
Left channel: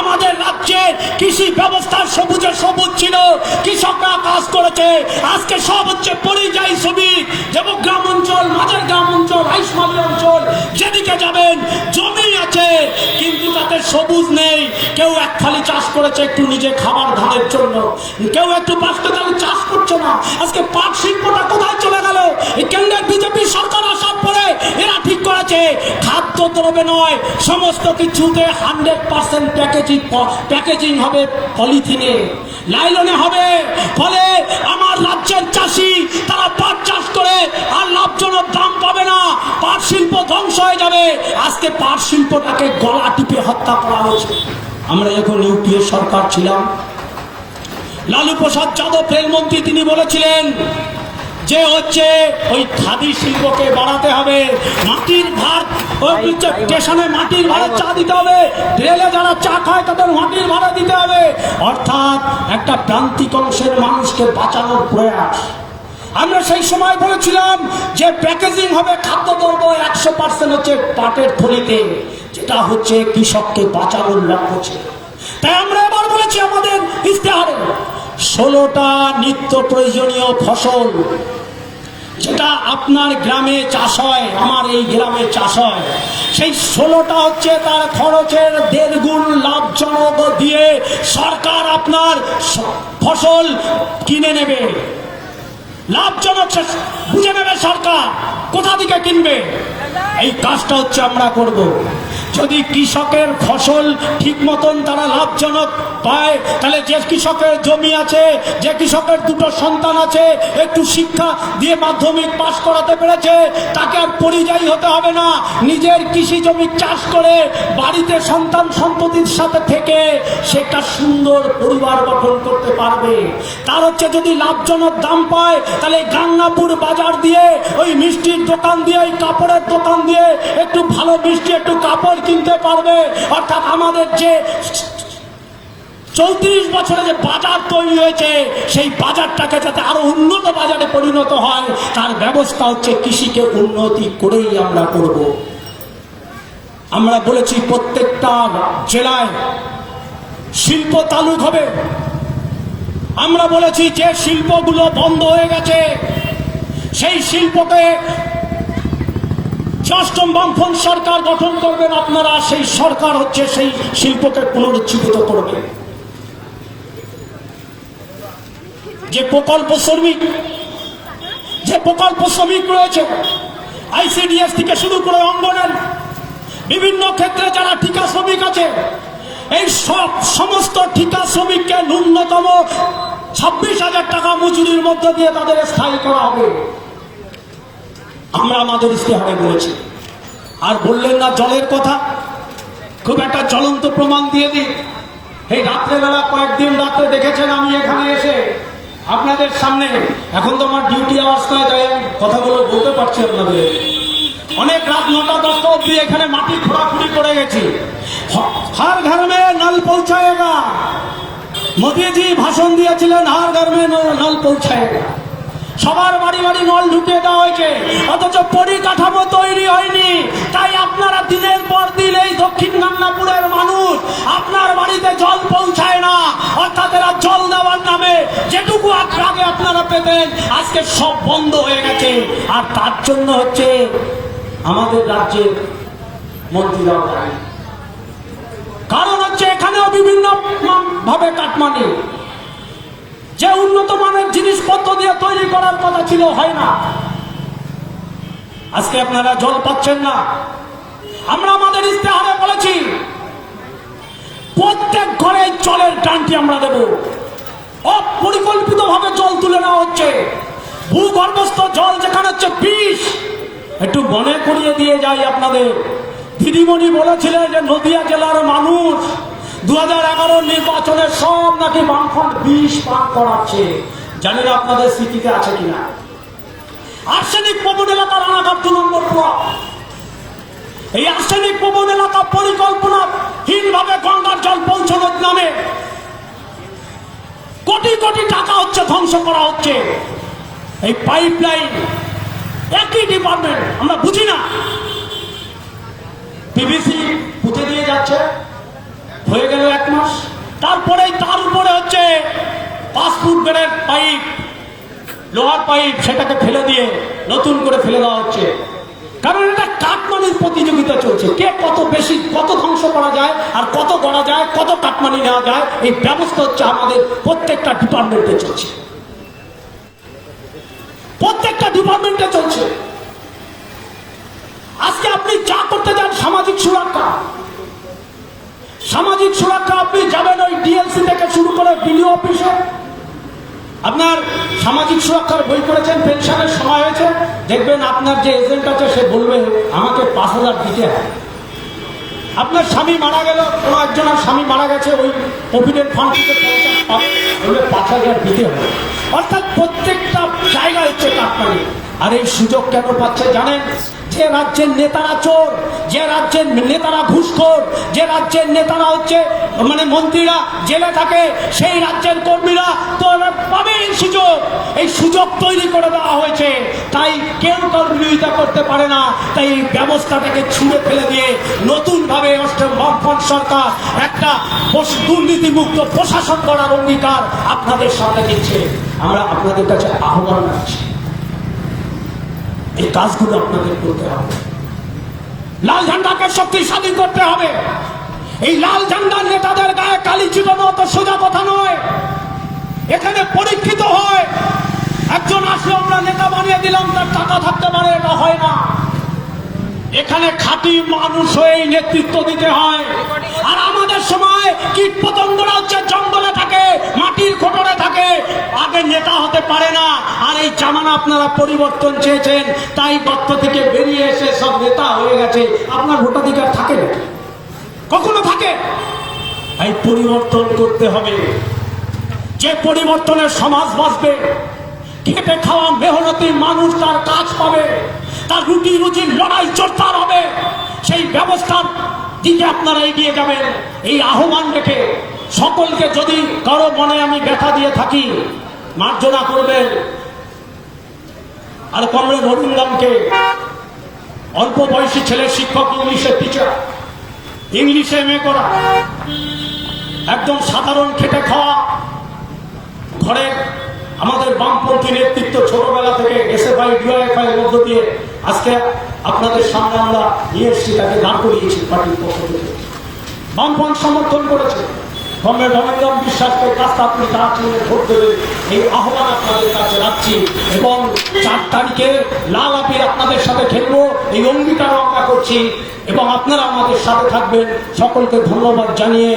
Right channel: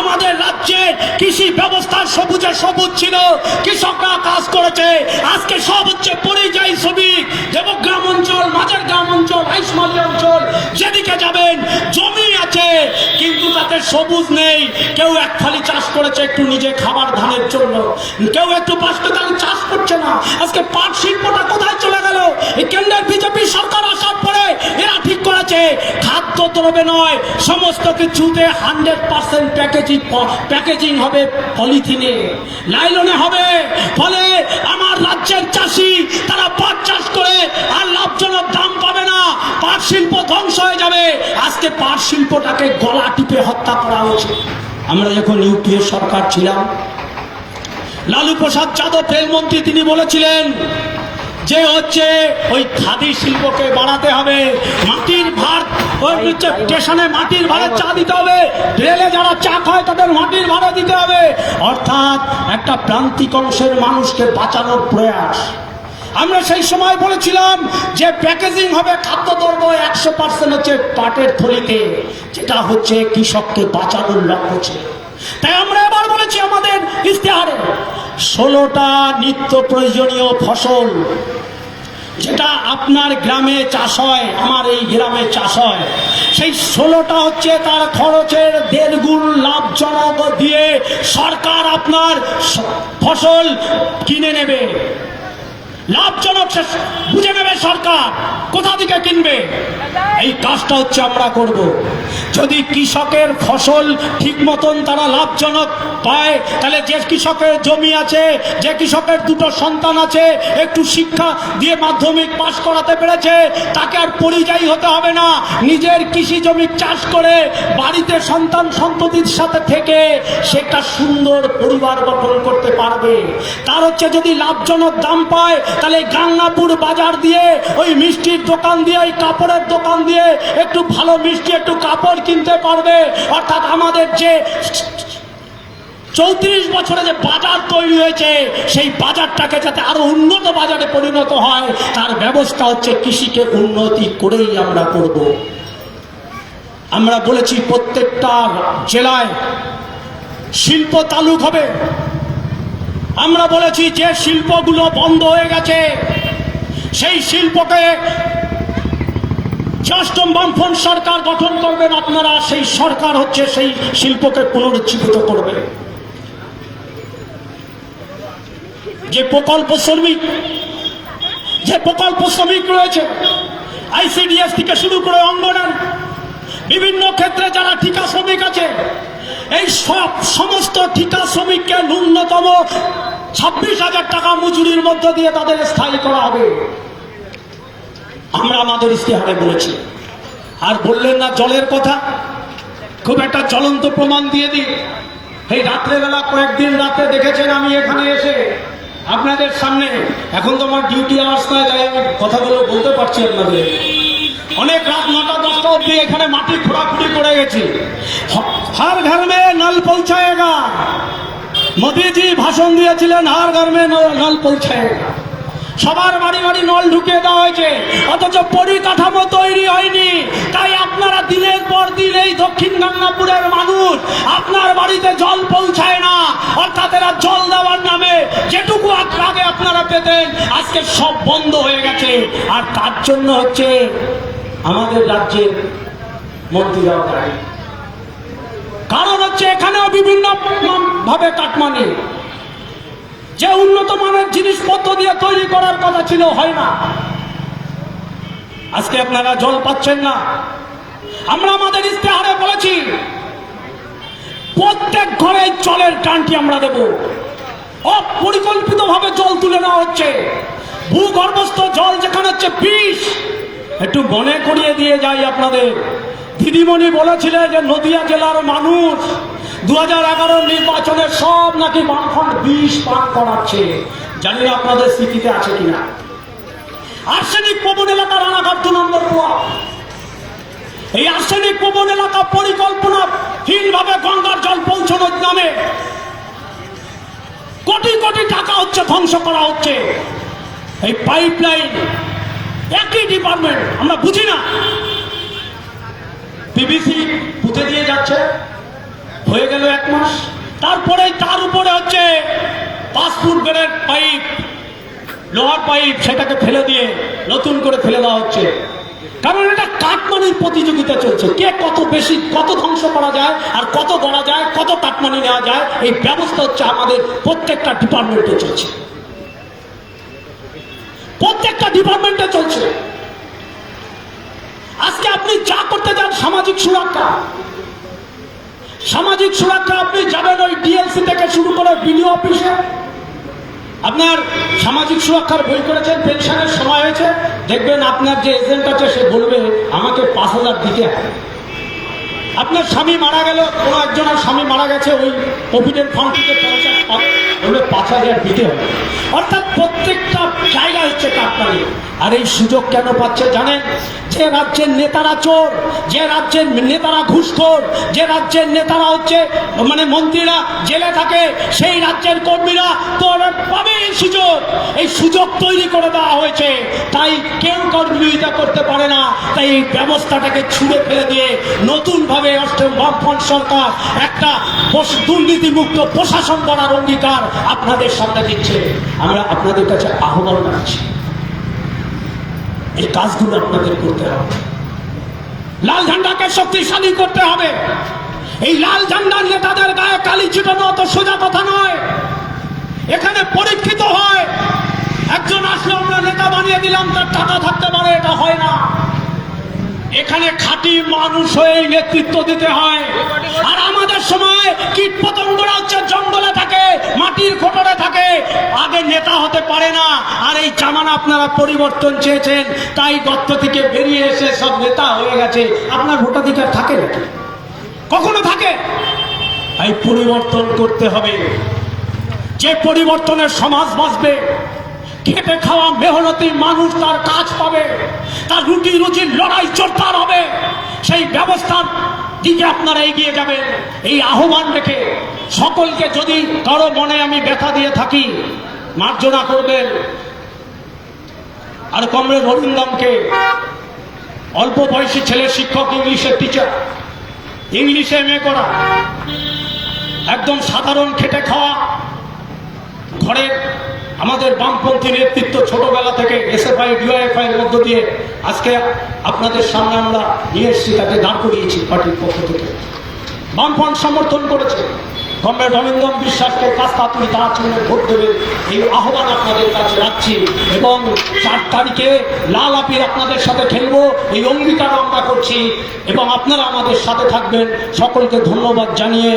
আমাদের রাজ্যে কৃষি ব্যবস্থা সবুজে সবুজ ছিল, কৃষকরা কাজ করেছে। আজকে সব হচ্ছে পরিযায়ী শ্রমিক, যেমন গ্রাম অঞ্চল, মাঝের গ্রাম অঞ্চল, হাইসমালি অঞ্চল, যেদিকে যাবেন জমি আছে কিন্তু তাতে সবুজ নেই। কেউ এক থালি চাষ করেছে একটু নিজে খাবার ধানের জন্য, কেউ একটু 5টা থালি চাষ করছে না। আজকে পাট শিল্পটা কোথায় চলে গেল? কেন্দ্রের বিজেপি সরকার আসার পরে এরা ঠিক করেছে খাদ্য দ্রব্যে নয়, সমস্ত কিছুতে 100% প্যাকেজিং হবে, পলিথিনে, নাইলনে হবে। ফলে আমার রাজ্যের চাষি তারা পাট চাষ করে আর লাভজনক দাম পাবে না, পাট শিল্প ধ্বংস হয়ে যাবে। আজকে পাট শিল্পটাকে গলা টিপে হত্যা করা হয়েছে। আমরা যখন ইউপিএ সরকার ছিলাম, লালু প্রসাদ যাদব রেলমন্ত্রী, তিনি বলেছিলেন যে হচ্ছে ওই খাদি শিল্পকে বাড়াতে হবে, মাটির ভার, স্টেশনে মাটির ভাড়া চা দিতে হবে, রেলে যারা চা খায় তাদের মাটির ভাড়া দিতে হবে। অর্থাৎ একটা প্রান্তিক অংশের মানুষকে বাঁচানোর প্রয়াস। আমরা সেই সময় বলেছিলাম যে প্যাকেজিং হবে খাদ্যদ্রব্য 100% হচ্ছে পাটের থলিতে, যেটা হচ্ছে কৃষককে বাঁচানোর লক্ষ্য ছিল। তাই আমরা এবার বলেছি আমাদের ইশতেহারে 16টা নিত্য প্রয়োজনীয় ফসল যেটা আপনার গ্রামে চাষ হয়, আমার এই গ্রামে চাষ হয়, সেই 16টা হচ্ছে তার খরচের 1.5 গুণ লাভজনক দিয়ে সরকার আপনার ফসল কিনে নেবে। লাভজনক বুঝে নেবে সরকার কোথা থেকে কিনবে। এই কাজটা হচ্ছে আমরা করব। যদি কৃষকের ফসল ঠিক মতন তারা লাভজনক পায়, তাহলে যে কৃষকের জমি আছে, যে কৃষকের 2টো সন্তান আছে, একটু শিক্ষা দিয়ে মাধ্যমিক পাশ করাতে পেরেছে, তাকে আর পরিযায়ী হতে হবে না। নিজের কৃষি জমি চাষ করে বাড়িতে সন্তান সন্ততির সাথে থেকে সে একটা সুন্দর পরিবার গঠন করতে পারবে। তার হচ্ছে যদি লাভজনক দাম পায়, তাহলে গাঙ্গাপুর বাজার দিয়ে, ওই মিষ্টির দোকান দিয়ে, ওই কাপড়ের দোকান দিয়ে একটু ভালো মিষ্টি, একটু কাপড় কিনতে পারবে। অর্থাৎ আমাদের যে 34 বছরে যে বাজার তৈরি হয়েছে, সেই বাজারটাকে যাতে আরো উন্নত বাজারে পরিণত হয়, তার ব্যবস্থা হচ্ছে কৃষিকে উন্নতি করেই আমরা করব। আমরা বলেছি প্রত্যেকটা জেলায় শিল্প তালুক হবে। আমরা বলেছি যে শিল্পগুলো বন্ধ হয়ে গেছে সেই শিল্পকে অষ্টম বামফ্রন্ট সরকার গঠন করবেন আপনারা, সেই সরকার হচ্ছে সেই শিল্পকে পুনরুজ্জীবিত করবে। যে প্রকল্প শ্রমিক রয়েছে, আইসিডিএস থেকে শুরু করে অঙ্গনের বিভিন্ন ক্ষেত্রে যারা ঠিকা শ্রমিক আছে, এই সমস্ত ঠিকা শ্রমিককে ন্যূনতম 26,000 টাকা মজুরির মধ্য দিয়ে তাদের স্থায়ী করা হবে। আমরা আমাদের ইশতেহারে বলেছি। আর বললেন না জলের কথা, খুব একটা জ্বলন্ত প্রমাণ দিয়ে দিই। এই রাত্রেবেলা কয়েকদিন রাতে দেখেছেন আমি এখানে এসে আপনাদের সামনে, এখন তো আমার ডিউটি আওয়ার্স নয়, তাই আমি কথাগুলো বলতে পারছি আপনাদের। অনেক রাত 9টা-10টা অব্দি এখানে মাটি খোঁড়াখুড়ি করে গেছি। हर घर में नल पहुंचाएगा, मोदी जी भाषण दिएছিলেন हर घर में नल पहुंचाएगा। সবার বাড়ি বাড়ি নল ঢুকিয়ে দেওয়া হয়েছে, অথচ পরিকাঠামো তৈরি হয়নি। তাই আপনারা দিনের পর দিন এই দক্ষিণ গাংনাপুরের মানুষ আপনার বাড়িতে জল পৌঁছায় না, অর্থাৎ এরা জল দেওয়ার নামে যেটুকু আগে আপনারা পেতেন আজকে সব বন্ধ হয়ে গেছে। আর তার জন্য হচ্ছে আমাদের রাজ্যের মন্ত্রীরাও দায়ী। কারণ হচ্ছে এখানেও বিভিন্ন ভাবে কাটমানি, যে উন্নত মানের জিনিসপত্র দিয়ে তৈরি করার কথা ছিল হয় না। আজকে আপনারা জল পাচ্ছেন না। আমরা আমাদের ইস্তেহারে বলেছি প্রত্যেক ঘরে জলের ট্যাঙ্কি আমরা দেব। অপরিকল্পিত ভাবে জল তুলে নেওয়া হচ্ছে, ভূগর্ভস্থ জল যেখানে হচ্ছে বিষ। একটু মনে করিয়ে দিয়ে যাই আপনাদের, দিদিমণি বলেছিলেন যে নদিয়া জেলার মানুষ 2011 নির্বাচনে সব নাকি বামফ্রন্ট বিষ পান করাচ্ছে। জানি না আপনাদের স্মৃতিতে আছে কিনা। আর্সেনিক প্রবণ এলাকা রানাঘাট 2 নম্বর ব্লক, এই আর্সেনিক প্রবণ এলাকা পরিকল্পনাহীন ভাবে গঙ্গার জল পৌঁছানোর নামে কোটি কোটি টাকা হচ্ছে ধ্বংস করা হচ্ছে। এই পাইপ লাইন একই ডিপার্টমেন্ট, আমরা বুঝি না। পিভিসি পুঁতে দিয়ে যাচ্ছে, হয়ে গেল 1 মাস, তারপরে তার উপরে হচ্ছে 5 ফুট বেড়ের পাইপ, লোহার পাইপ, সেটাকে ফেলে দিয়ে নতুন করে ফেলে দেওয়া হচ্ছে। কারণ এটা কাটমানির প্রতিযোগিতা চলছে, কে কত বেশি, কত ধ্বংস করা যায় আর কত গড়া যায়, কত কাটমানি নেওয়া যায়, এই ব্যবস্থা হচ্ছে আমাদের প্রত্যেকটা ডিপার্টমেন্টে চলছে, প্রত্যেকটা ডিপার্টমেন্টে চলছে। আজকে আপনি যা করতে যান সামাজিক সুরক্ষা, সামাজিক সুরক্ষা আপনি যাবেন ওই ডিএলসি থেকে শুরু করে বিডিও অফিসে। আপনার সামাজিক সুরক্ষার বই করেছেন, পেনশনের সময় হয়েছে, দেখবেন আপনার যে এজেন্ট আছে সে বলবে আমাকে 5,000 দিতে হবে। আপনার স্বামী মারা গেল, কোনো একজনের স্বামী মারা গেছে, ওই প্রভিডেন্ট ফান্ড থেকে 50 পাবে, বলবে 5,000 দিতে হবে। অর্থাৎ প্রত্যেকটা জায়গায় হচ্ছে কাটমানি। আর এই সুযোগ কেন পাচ্ছে জানেন? যে রাজ্যের নেতারা চোর, যে রাজ্যের নেতারা ঘুষখোর, যে রাজ্যের নেতারা হচ্ছে মানে মন্ত্রীরা জেলে থাকে, সেই রাজ্যের কর্মীরা তো পাবে এই সুযোগ তৈরি করে দেওয়া হয়েছে। তাই কেউ কারোর বিরোধিতা করতে পারে না। তাই এই ব্যবস্থাটাকে ছুঁড়ে ফেলে দিয়ে নতুন ভাবে বামফ্রন্ট সরকার একটা দুর্নীতিমুক্ত প্রশাসন করার অঙ্গীকার আপনাদের সামনে দিচ্ছে। আমরা আপনাদের কাছে আহ্বান রাখছি, এই কাজগুলো আপনাদের করতে হবে। লাল ঝান্ডাকে শক্তিশালী করতে হবে। এই লাল ঝান্ডার নেতাদের গায়ে কালি ছিটানো অত সোজা কথা নয়। এখানে পরীক্ষিত হয়, একজন আসলে আমরা নেতা বানিয়ে দিলাম, তার টাকা থাকতে পারে, এটা হয় না। এখানে খাঁটি মানুষ হয়ে নেতৃত্ব দিতে হয়। আর আমাদের সময় কীট পতঙ্গরা হচ্ছে জঙ্গলে থাকে, মাটির খোঁটরে থাকে, আগে নেতা হতে পারে না। আর এই জামানা আপনারা পরিবর্তন চেয়েছেন, তাই গর্ত থেকে বেরিয়ে এসে সব নেতা হয়ে গেছে। আপনার ভোটাধিকার থাকে নাকি? কখনো থাকে? এই পরিবর্তন করতে হবে। যে পরিবর্তনের সমাজ বাঁচবে, খেটে খাওয়া মেহনতি মানুষ তার কাজ পাবে, তার রুটি রুজির লড়াই জোরদার হবে। সেই ব্যবস্থার দিকে আপনারা এগিয়ে যাবেন। এই আহ্বান রেখে সকলকে, যদি কারো মনে আমি ব্যথা দিয়ে থাকি, মার্জনা করবেন। আর কমরেড অরিন্দমকে, অল্প বয়সী ছেলে, শিক্ষক, ইংলিশের টিচার, ইংলিশে এমএ করা, একদম সাধারণ খেটে খাওয়া ঘরে আমাদের বামপন্থী নেতৃত্ব ছোটবেলা থেকে এসএফআই ডিওএফআই এর মধ্য দিয়ে আজকে আপনাদের সামনে আমরা নিয়ে এসেছি, তাকে দাঁড় করিয়েছি পার্টির পক্ষ থেকে। বামফ্রন্ট সমর্থন করেছে। কমরেড অরিন্দম বিশ্বাসকে কাস্তা আপনি তাড়াতাড়ি ভোট দেবেন, এই আহ্বান আপনাদের কাছে রাখছি। এবং 4 তারিখে লাল আবির আপনাদের সাথে খেলবো, এই অঙ্গীকার আমরা করছি। এবং আপনারা আমাদের সাথে থাকবেন। সকলকে ধন্যবাদ জানিয়ে